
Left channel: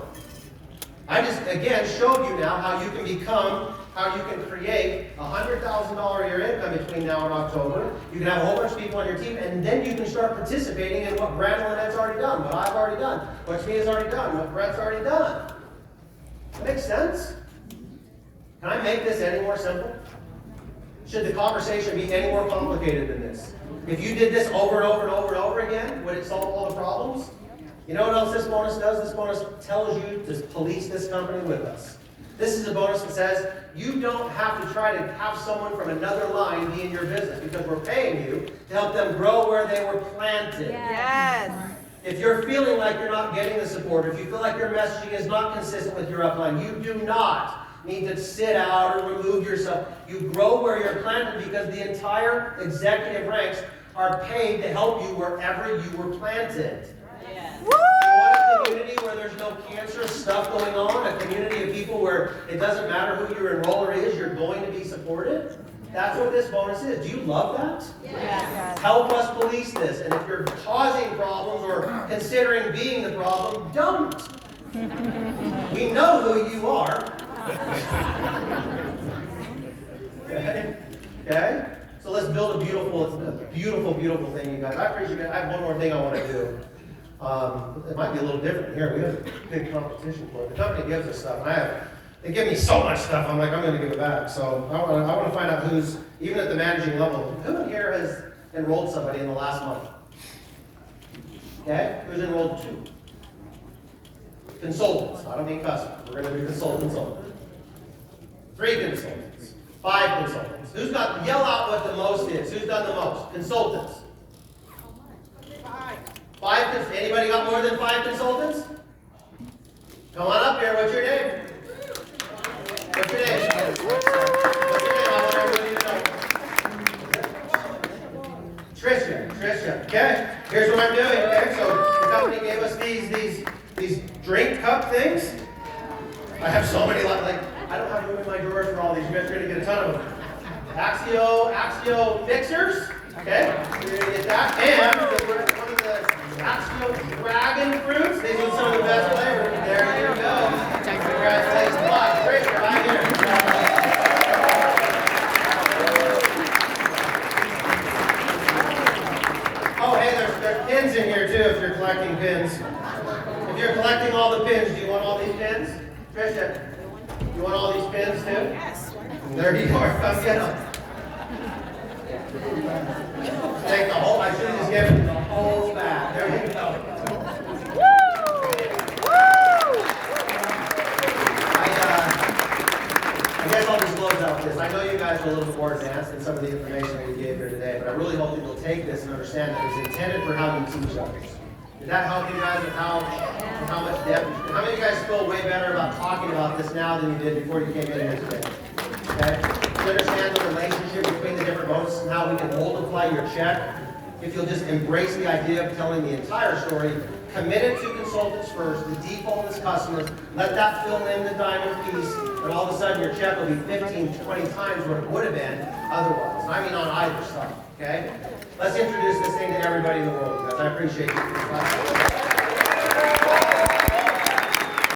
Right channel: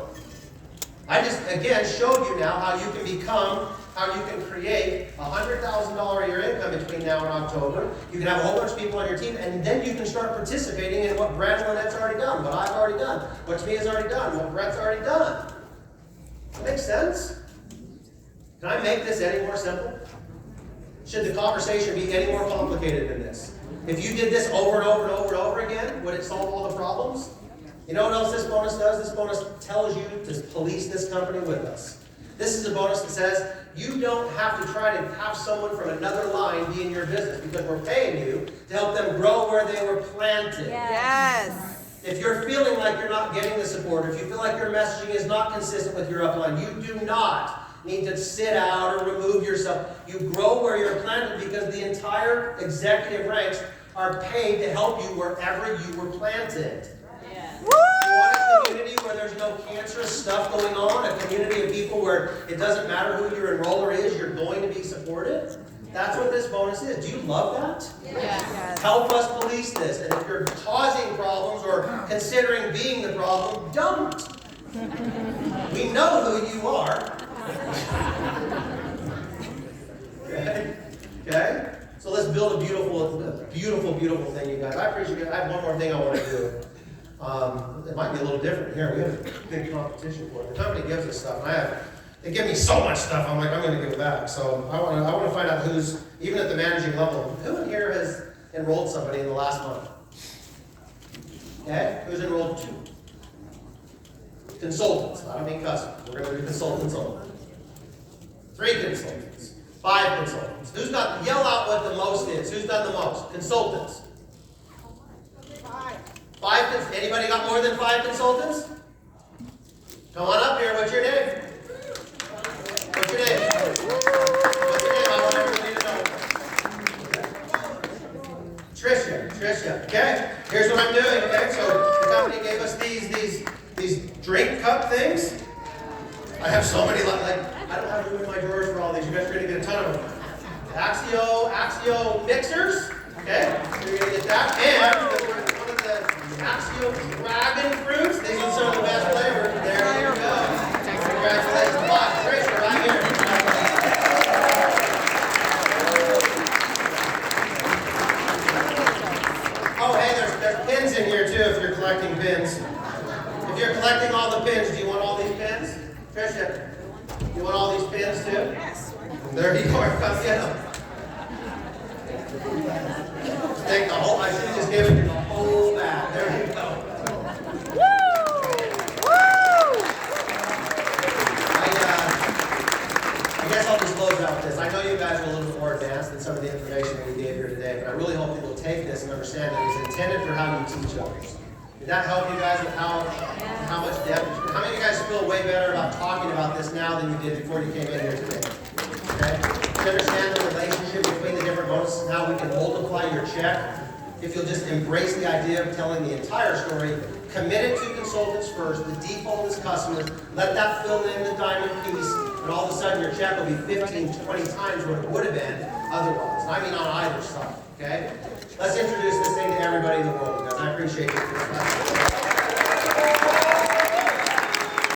I just, again, showed you now how you can create $100,000 a year income between now and October. You can have a whole bunch of people on your team, and then you can start participating in what Brandon and Lynette's already done, what I've already done, what Tamia's already done, what Brett's already done. That makes sense? Can I make this any more simple? Should the conversation be any more complicated than this? If you did this over and over and over and over again, would it solve all the problems? You know what else this bonus does? This bonus tells you to police this company with us. This is a bonus that says you don't have to try to have someone from another line be in your business because we're paying you to help them grow where they were planted. Yes. If you're feeling like you're not getting the support, if you feel like your messaging is not consistent with your upline, you do not need to sit out or remove yourself. You grow where you're planted because the entire executive ranks are paid to help you wherever you were planted. You want a community where there's no cancerous stuff going on, a community of people where it doesn't matter who your enroller is, you're going to be supported? That's what this bonus is. Do you love that? Yes. Help us police this. And if you're causing problems or considering being the problem, don't. We know who you are. Okay? So let's build a beautiful thing, you guys. I appreciate it. I have one more thing I want to do. It might be a little different here. We have a big competition for it. The company gives us stuff, and they give me so much stuff. I'm like, I'm going to give it back. So I want to find out who's, even at the managing level, who in here has enrolled somebody in the last month? Okay, who's enrolled 2? Consultants. I don't mean customers. We're going to do consultants only. 3 consultants. 5 consultants. Who's got? Yell out what the most is. Who's done the most? Consultants. 5. Anybody got more than 5 consultants? Come on up here. What's your name? What's your name? What's your name? I want everybody to know. Tricia. Okay. Here's what I'm doing. Okay. So the company gave us these drink cup things. I have so many. Like I don't have room in my drawers for all these. You guys are gonna get a ton of them. Axio mixers. Okay. You're gonna get that. And one of the Axio dragon fruits. These are some of the best flavors. There you go. Congratulations. Bye. Tracer, right here. Oh, hey, there's pins in here too if you're collecting pins. If you're collecting all the pins, do you want all these pins? Trisha, you want all these pins too? Yes. There you go. Come get them. Take the whole, I should have just given you the whole bag. There you go. I guess I'll just close out this. I know you guys are a little bit more advanced than some of the information that we gave here today, but I really hope that you'll take this and understand that it's intended for how you teach others. Did that help you guys with how much depth? How many of you guys feel way better about talking about this now than you did before you came in here today? Okay? You understand the relationship between the different bonuses and how we can multiply your check? If you'll just embrace the idea of telling the entire story, commit it to consultants first, the default is customers, let that fill in the diamond piece, and all of a sudden your check will be 15, 20 times what it would have been otherwise. I mean on either side, okay? Let's introduce this thing to everybody in the world, guys. I appreciate you.